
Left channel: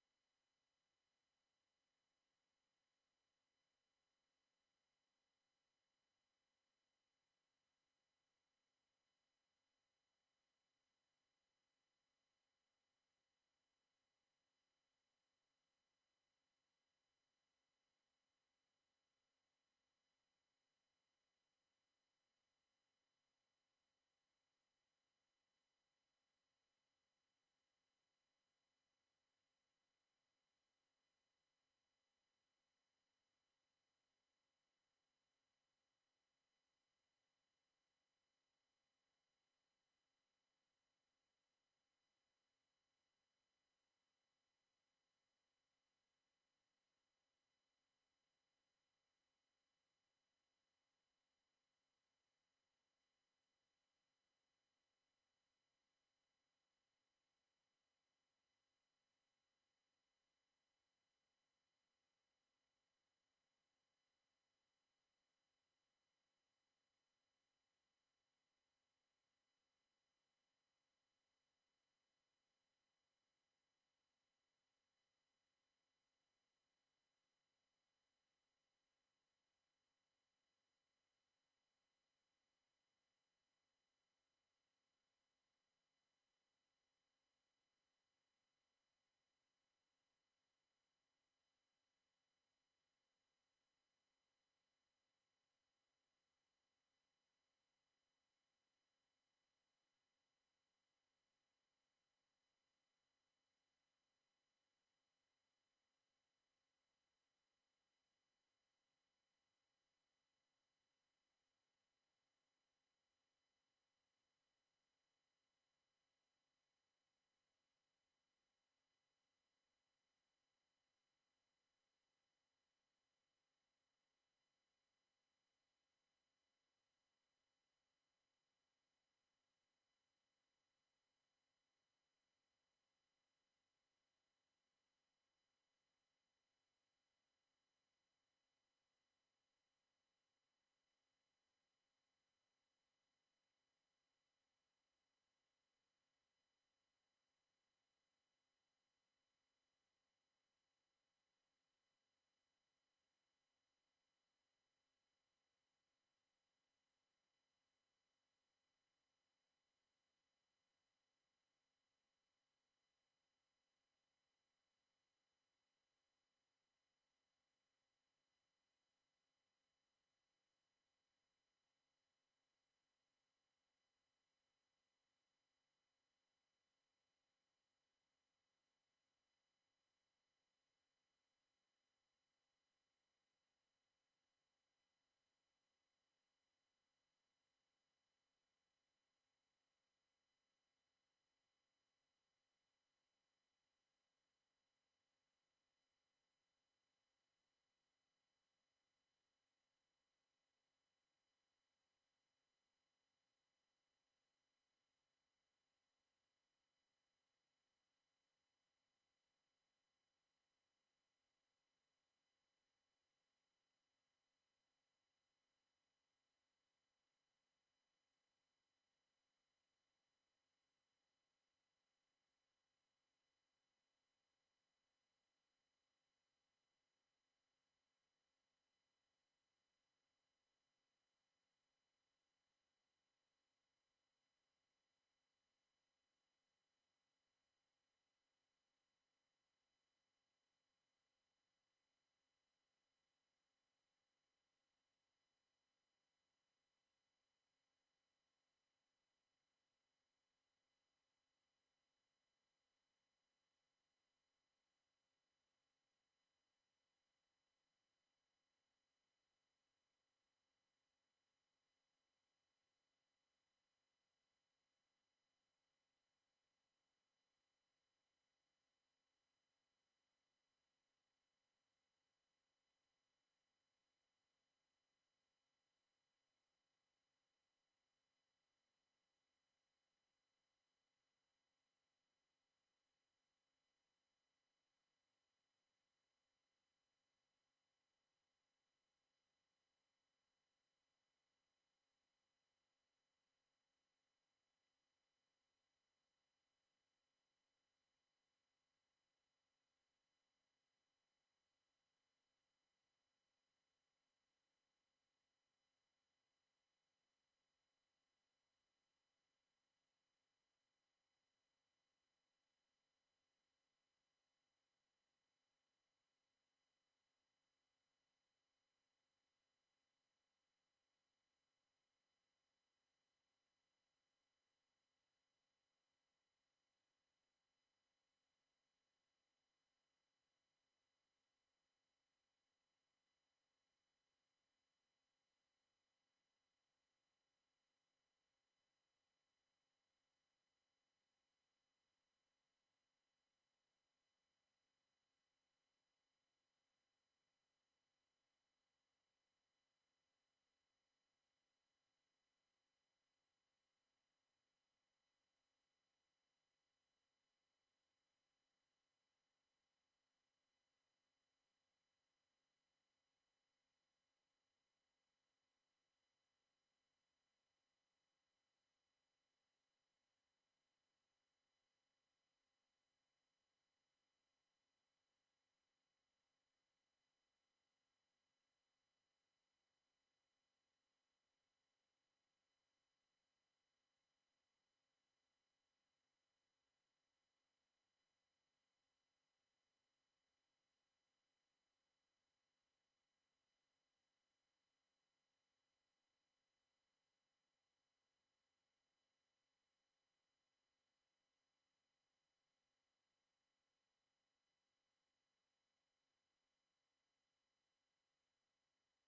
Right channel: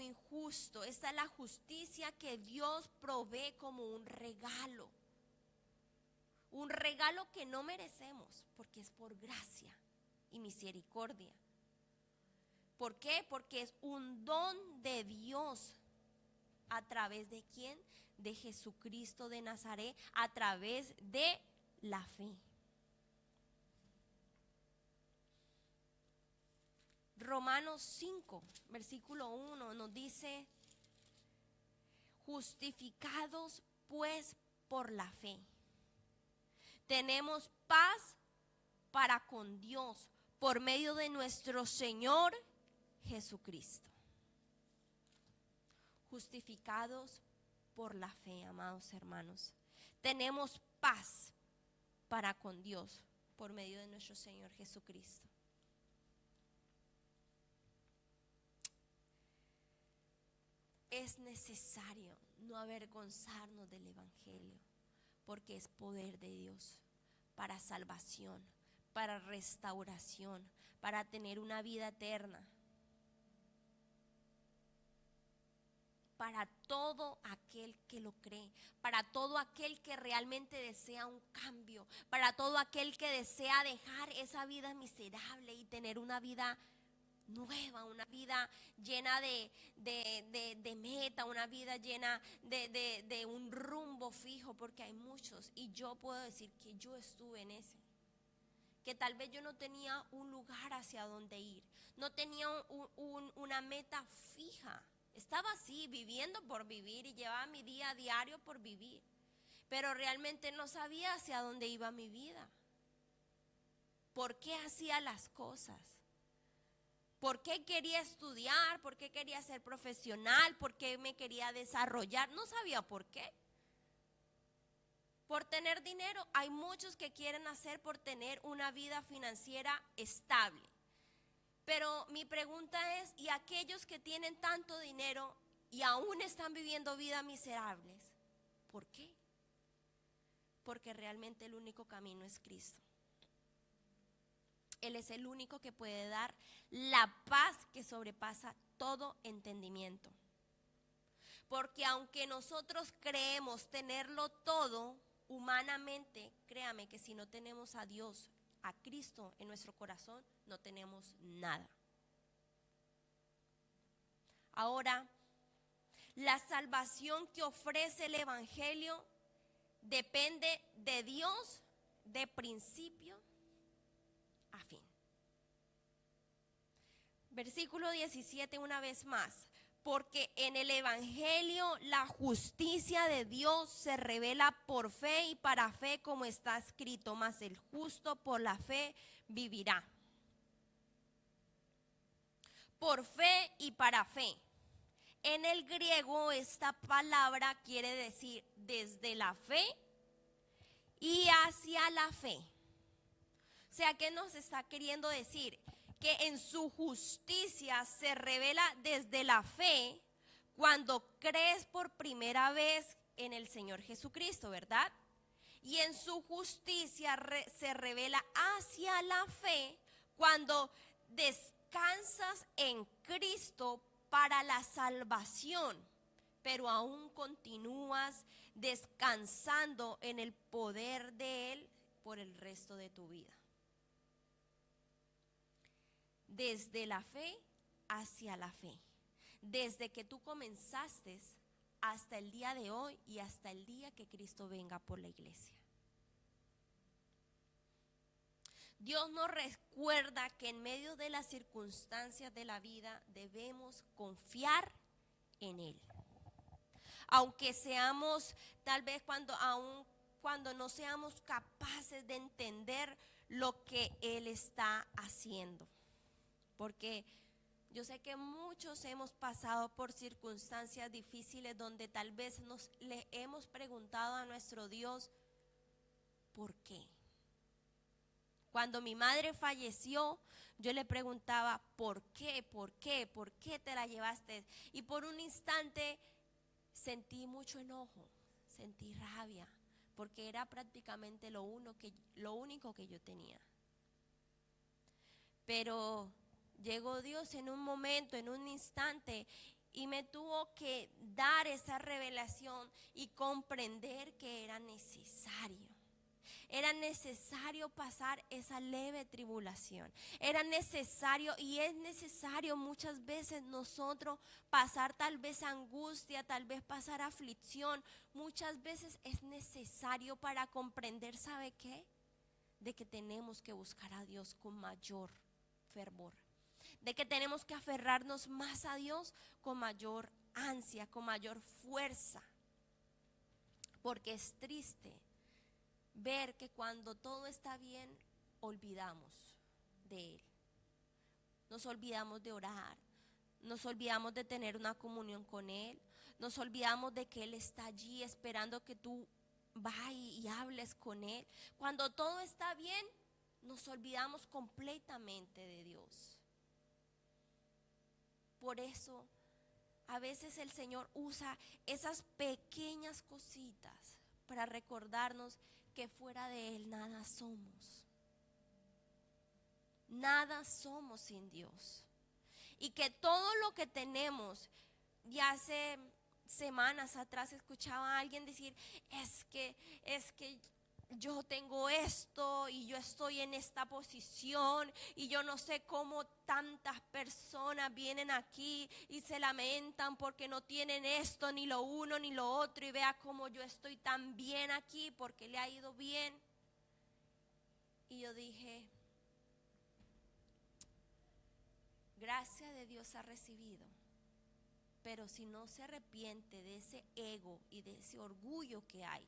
injusto. Esta es la justicia que Dios provee como un regalo que no merecemos, porque es por gracia y misericordia. ¿Por qué? Porque es un don de Dios. ¿A través de quién? De Jesucristo de Nazaret, a través de la fe. Romanos 5, versículo 1 nos dice, justificados pues por la fe, tenemos paz para con Dios por medio de nuestro Señor Jesucristo. Justificados por la fe, amados hermanos. Tenemos paz para con Dios por medio de nuestro Señor Jesucristo. Es necesario no avergonzarnos del evangelio, porque es poder de Dios para salvación, para restauración, para tener una vida eterna. Para todo aquel que lo cree, para todo aquel que realmente desea un cambio, para todo aquel que desea dejar esa vida miserable y tener una vida nueva, una vida llena de meta, una vida llena de un rumbo fijo, porque hay muchos, y yo puedo decir que yo estuve en ese, que tal vez yo no tenía un lugar hacia donde ir, no tenía una meta fija. Estaba así, viviendo por vivir, y llevaba mi día a diario por vivir, pero realmente no sabía hacia dónde iba mi vida. ¿Por qué hacía las cosas? ¿Por qué quería estudiar? ¿Por qué quería ser profesional? ¿Por qué me quería desarrollar? No sabía por qué. Por tener dinero. Hay muchos que quieren hacer por tener una vida financiera estable. Pero mi pregunta es, ¿y aquellos que tienen tanto dinero y aún están viviendo vidas miserables? ¿Por qué? Porque realmente el único camino es Cristo. Él es el único que puede dar la paz que sobrepasa todo entendimiento. Porque aunque nosotros creemos tenerlo todo humanamente, créame que si no tenemos a Dios, a Cristo en nuestro corazón, no tenemos nada. Ahora, la salvación que ofrece el Evangelio depende de Dios de principio a fin. Versículo 17 una vez más. Porque en el Evangelio la justicia de Dios se revela por fe y para fe, como está escrito, mas el justo por la fe vivirá. Por fe y para fe. En el griego esta palabra quiere decir desde la fe y hacia la fe. O sea, ¿qué nos está queriendo decir? Que en su justicia se revela desde la fe cuando crees por primera vez en el Señor Jesucristo, ¿verdad? Y en su justicia se revela hacia la fe cuando descansas en Cristo para la salvación, pero aún continúas descansando en el poder de Él por el resto de tu vida. Desde la fe hacia la fe. Desde que tú comenzaste hasta el día de hoy y hasta el día que Cristo venga por la iglesia. Dios nos recuerda que en medio de las circunstancias de la vida debemos confiar en Él. Aunque seamos, tal vez aún cuando no seamos capaces de entender lo que Él está haciendo. Porque yo sé que muchos hemos pasado por circunstancias difíciles donde tal vez le hemos preguntado a nuestro Dios, ¿por qué? Cuando mi madre falleció, yo le preguntaba, ¿por qué? ¿Por qué? ¿Por qué te la llevaste? Y por un instante sentí mucho enojo, sentí rabia, porque era prácticamente lo único que yo tenía. Pero llegó Dios en un momento, en un instante, y me tuvo que dar esa revelación y comprender que era necesario. Era necesario pasar esa leve tribulación. Era necesario y es necesario muchas veces nosotros pasar tal vez angustia, tal vez pasar aflicción. Muchas veces es necesario para comprender, ¿sabe qué? De que tenemos que buscar a Dios con mayor fervor. De que tenemos que aferrarnos más a Dios con mayor ansia, con mayor fuerza. Porque es triste ver que cuando todo está bien, olvidamos de Él. Nos olvidamos de orar, nos olvidamos de tener una comunión con Él, nos olvidamos de que Él está allí esperando que tú vayas y hables con Él. Cuando todo está bien, nos olvidamos completamente de Dios. Por eso, a veces el Señor usa esas pequeñas cositas para recordarnos que fuera de Él nada somos. Nada somos sin Dios. Y que todo lo que tenemos, ya hace semanas atrás escuchaba a alguien decir, es que yo tengo esto y yo estoy en esta posición y yo no sé cómo tantas personas vienen aquí y se lamentan porque no tienen esto, ni lo uno, ni lo otro, y vea cómo yo estoy tan bien aquí porque le ha ido bien. Y yo dije, gracia de Dios ha recibido, pero si no se arrepiente de ese ego y de ese orgullo que hay,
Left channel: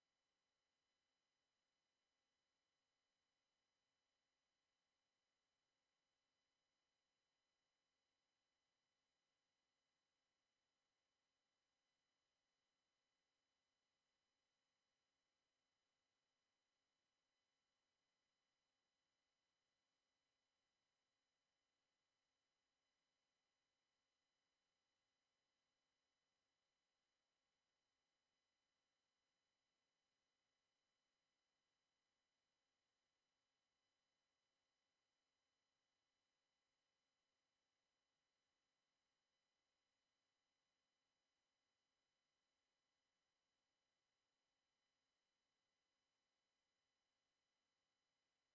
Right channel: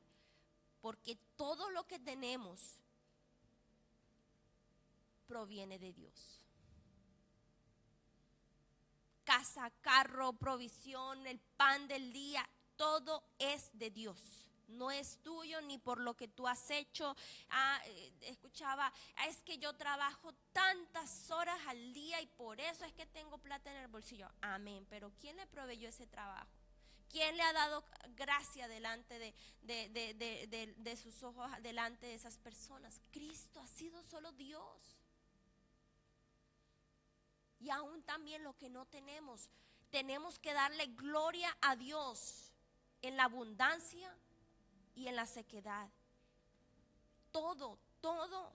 porque todo lo que tenemos proviene de Dios. Casa, carro, provisión, el pan del día, todo es de Dios. No es tuyo ni por lo que tú has hecho. Escuchaba, es que yo trabajo tantas horas al día y por eso es que tengo plata en el bolsillo. Amén, pero ¿quién le proveyó ese trabajo? ¿Quién le ha dado gracia delante de sus ojos, delante de esas personas? Cristo, ha sido solo Dios. y aún también lo que no tenemos. Tenemos que darle gloria a Dios en la abundancia y en la sequedad. Todo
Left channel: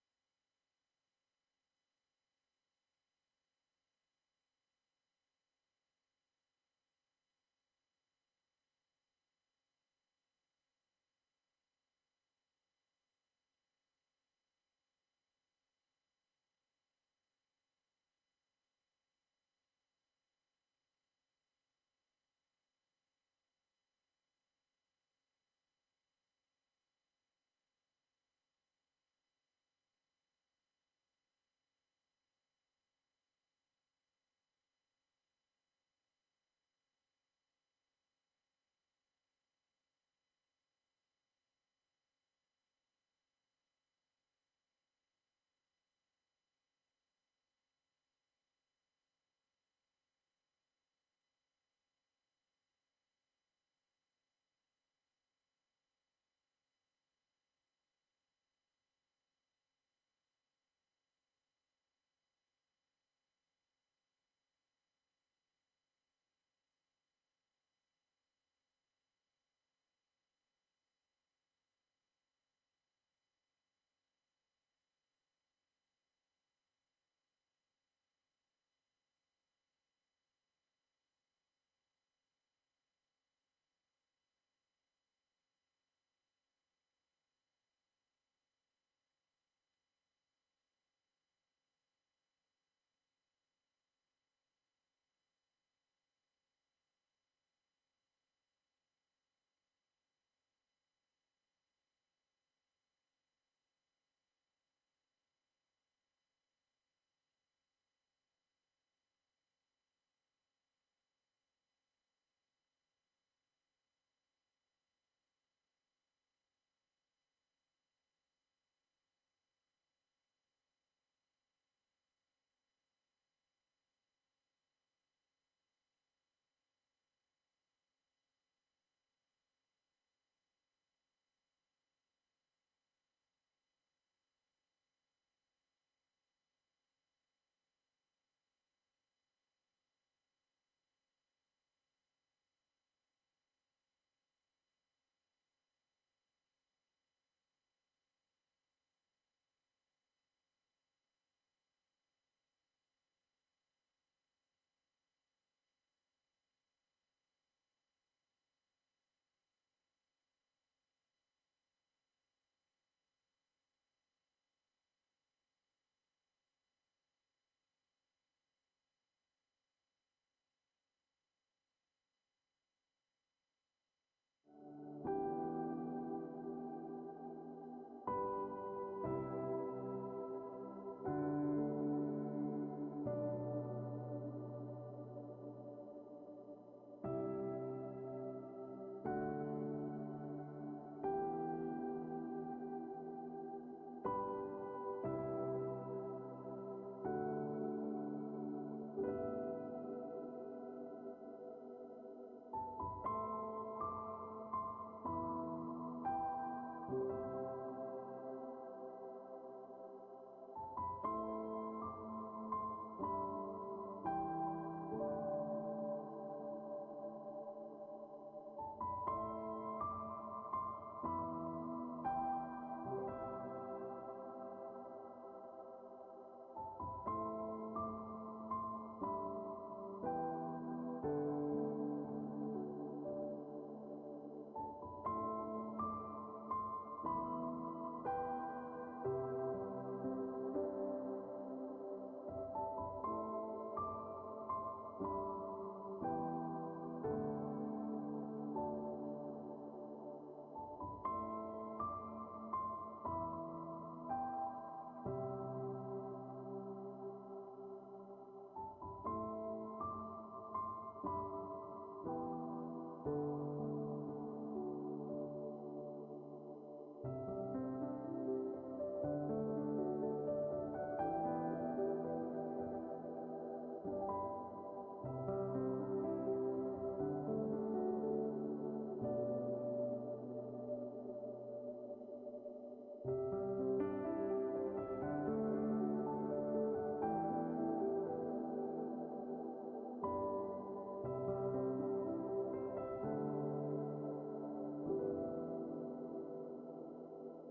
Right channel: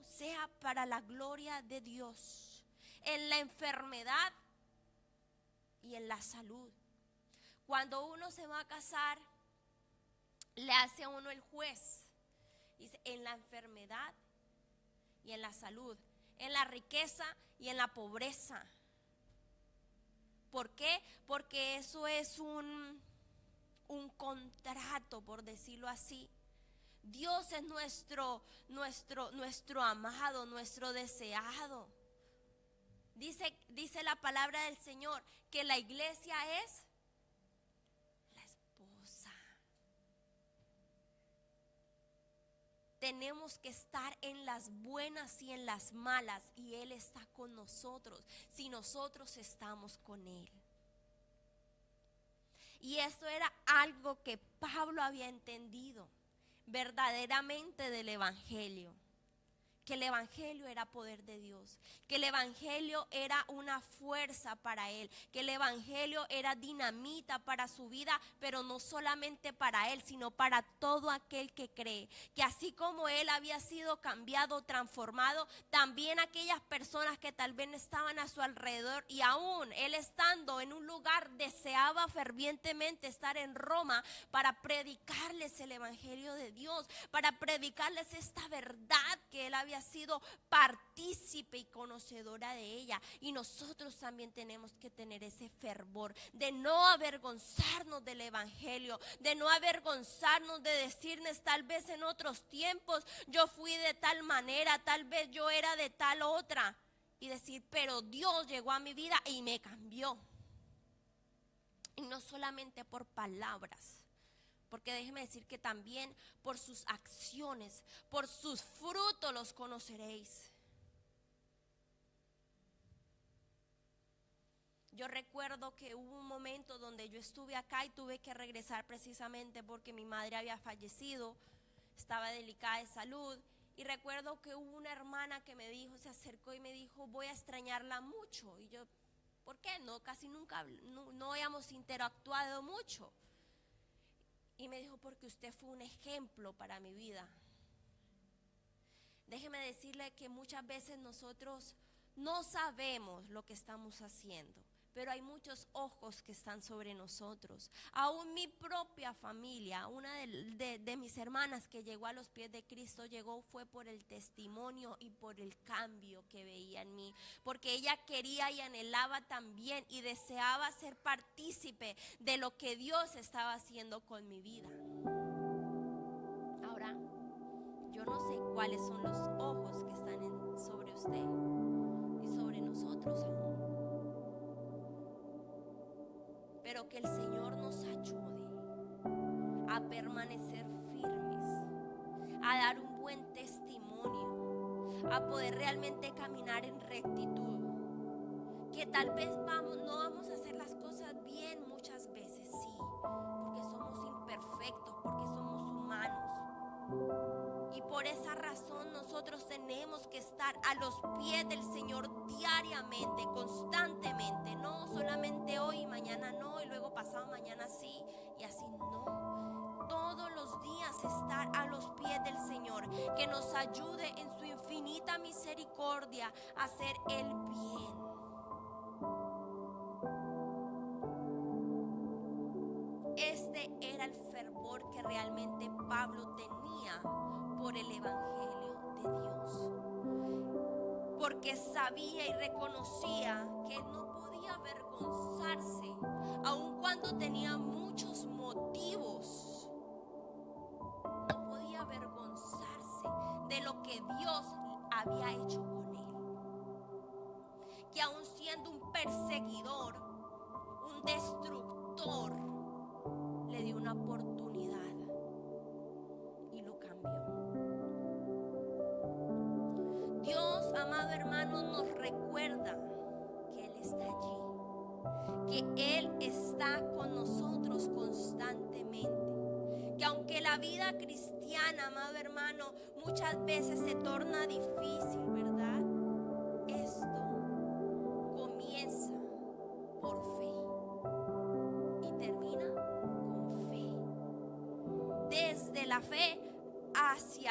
sea para la gloria de Dios. En la enfermedad y en la salud. Cuando uno se va a casar, le hace a uno el juez. Dice, en la enfermedad y en la salud, en la riqueza y en la pobreza. ¿Por qué? Porque eso es un contrato, por decirlo así. Dios es nuestro amado, nuestro deseado. Dice la palabra del Señor que la iglesia es la esposa. Tenemos que estar en las buenas y en las malas, y Él está con nosotros si nosotros estamos con Él. Y esto era algo que Pablo había entendido verdaderamente del evangelio, que el evangelio era poder de Dios, que el evangelio era una fuerza para él, que el evangelio era dinamita para su vida, pero no solamente para él, sino para todo aquel que cree, que así como él había sido cambiado, transformado, también aquellas personas que tal vez estaban a su alrededor, y aún él estando en un lugar deseaba fervientemente estar en Roma para predicarles el evangelio de Dios, para predicarles esta verdad que él había sido partícipe y conocedora de ella. Y nosotros también tenemos que tener ese fervor de no avergonzarnos del evangelio, de no avergonzarnos de decirles, tal vez en otros tiempos yo fui de tal manera, tal vez yo era de tal otra, y decir, pero Dios llegó a mi vida y me cambió. Y no solamente por palabras, porque déjeme decir que también por sus acciones, por sus frutos los conoceréis. Yo recuerdo que hubo un momento donde yo estuve acá y tuve que regresar precisamente porque mi madre había fallecido, estaba delicada de salud. Y recuerdo que hubo una hermana que me dijo, se acercó y me dijo, voy a extrañarla mucho. Y yo, ¿por qué? No, casi nunca, no habíamos interactuado mucho. Y me dijo, porque usted fue un ejemplo para mi vida. Déjeme decirle que muchas veces nosotros no sabemos lo que estamos haciendo, pero hay muchos ojos que están sobre nosotros. Aún mi propia familia, una de mis hermanas que llegó a los pies de Cristo, fue por el testimonio y por el cambio que veía en mí, porque ella quería y anhelaba también y deseaba ser partícipe de lo que Dios estaba haciendo con mi vida. Ahora, yo no sé cuáles son los ojos que están sobre usted y sobre nosotros aún. Pero que el Señor nos ayude a permanecer firmes, a dar un buen testimonio, a poder realmente caminar en rectitud. Que tal vez no vamos a hacer las cosas bien muchas veces, sí, porque somos imperfectos, porque somos humanos. Y por esa razón nosotros tenemos que estar a los pies del Señor diariamente, constantemente, no solamente hoy y mañana no, y luego pasado mañana sí, y así no. Todos los días estar a los pies del Señor, que nos ayude en su infinita misericordia a hacer el bien. Este era el fervor que realmente Pablo tenía por el evangelio de Dios, porque sabía y reconocía que no podía avergonzarse, aun cuando tenía muchos motivos. No podía avergonzarse de lo que Dios había hecho con él, que aun siendo un perseguidor, un destructor, le dio una oportunidad y lo cambió. Dios, amado hermano, nos recuerda que Él está allí, que Él está con nosotros constantemente, que aunque la vida cristiana, amado hermano, muchas veces se torna difícil, ¿verdad? Esto comienza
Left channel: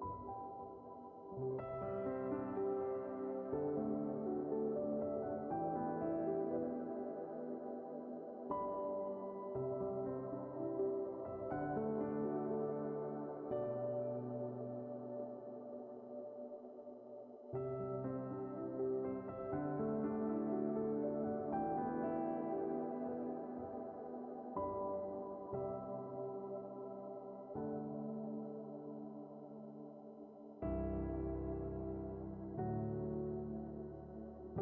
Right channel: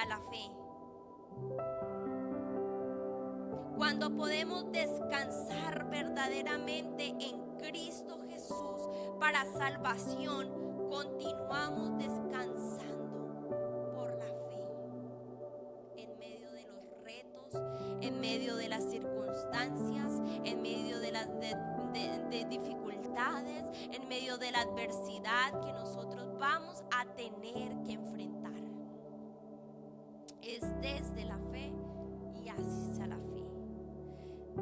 a la fe. Cuando podemos descansar verdaderamente en Cristo Jesús para salvación, continuamos descansando por la fe. En medio de los retos, en medio de las circunstancias, en medio de las de dificultades, en medio de la adversidad que nosotros vamos a tener que enfrentar. Es desde la fe y hacia la fe.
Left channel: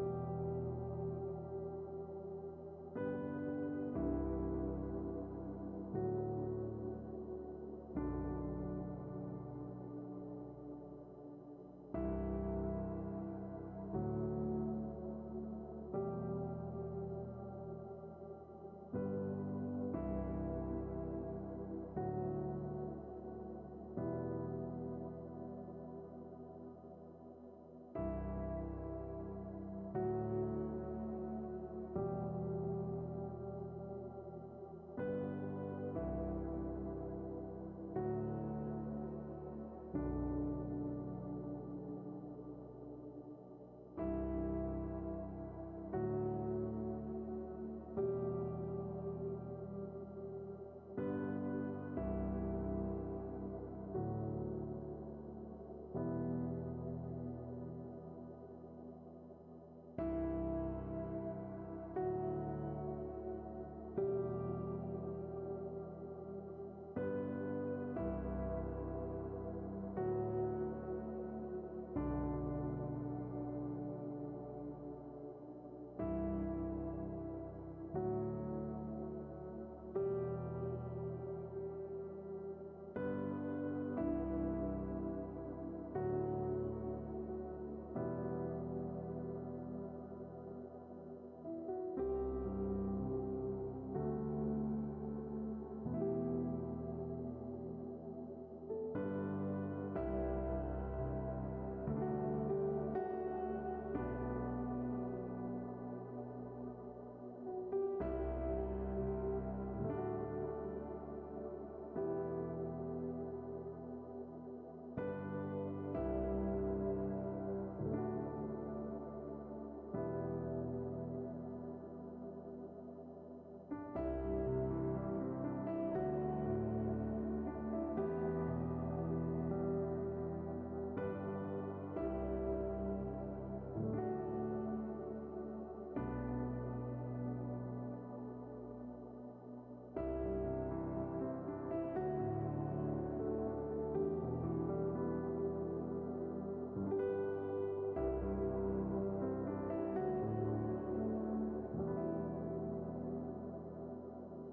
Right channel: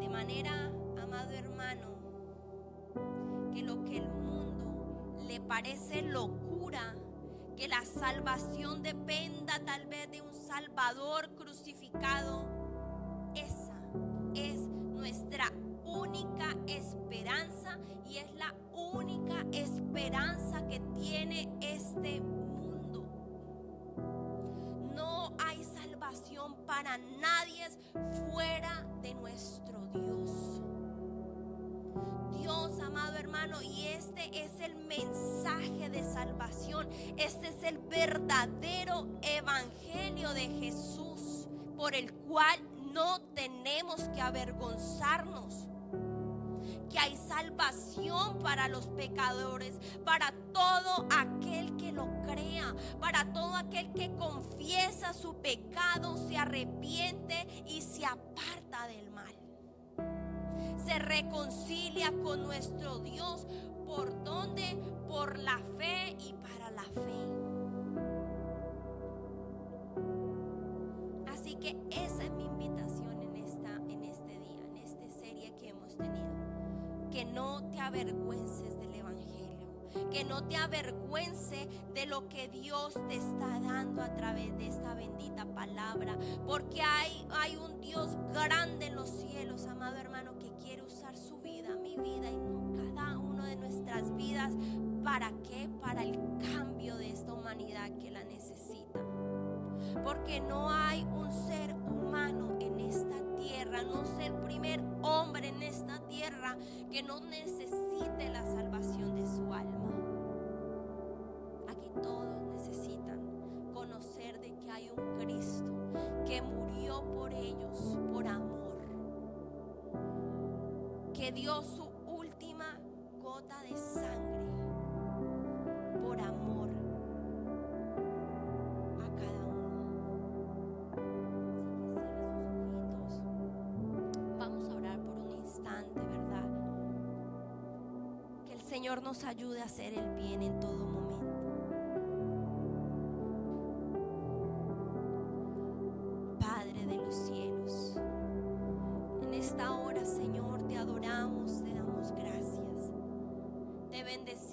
De manera, amado hermano, que lo que el mundo le parece locura, que la salvación dependa tal vez de un Salvador crucificado, esa es nuestra única esperanza y es la única esperanza que tiene este mundo. No hay salvación para nadie fuera de nuestro Dios. Dios, amado hermano, y este es el mensaje de salvación. Este es el verdadero evangelio de Jesús, por el cual no tenemos que avergonzarnos. Que hay salvación para los pecadores, para todo aquel que lo crea, para todo aquel que confiesa su pecado, se arrepiente y se aparta del mal. Se reconcilia con nuestro Dios. ¿Por dónde? Por la fe y para la fe. Así que esa es mi invitación en este día, en esta serie que hemos tenido. Que no te avergüences del evangelio, que no te avergüences de lo que Dios te está dando a través de esta bendita palabra, porque hay un Dios grande en los cielos, amado hermano, que quiere usar su vida, mi vida y cada uno de nuestras vidas. ¿Para qué? Para el cambio de esta humanidad que la necesita. Porque no hay un ser humano en esta tierra, no es el primer hombre en esta tierra que no necesite la salvación de su alma. Aquí todos necesitan conocer de que hay un Cristo que murió por ellos, por amor, que dio su última gota de sangre por amor a cada uno. Vamos a orar por un instante, ¿verdad? Que el Señor nos ayude a hacer el bien en todo momento. Padre de los cielos, en esta hora, Señor, te adoramos, te damos gracias, te bendecimos.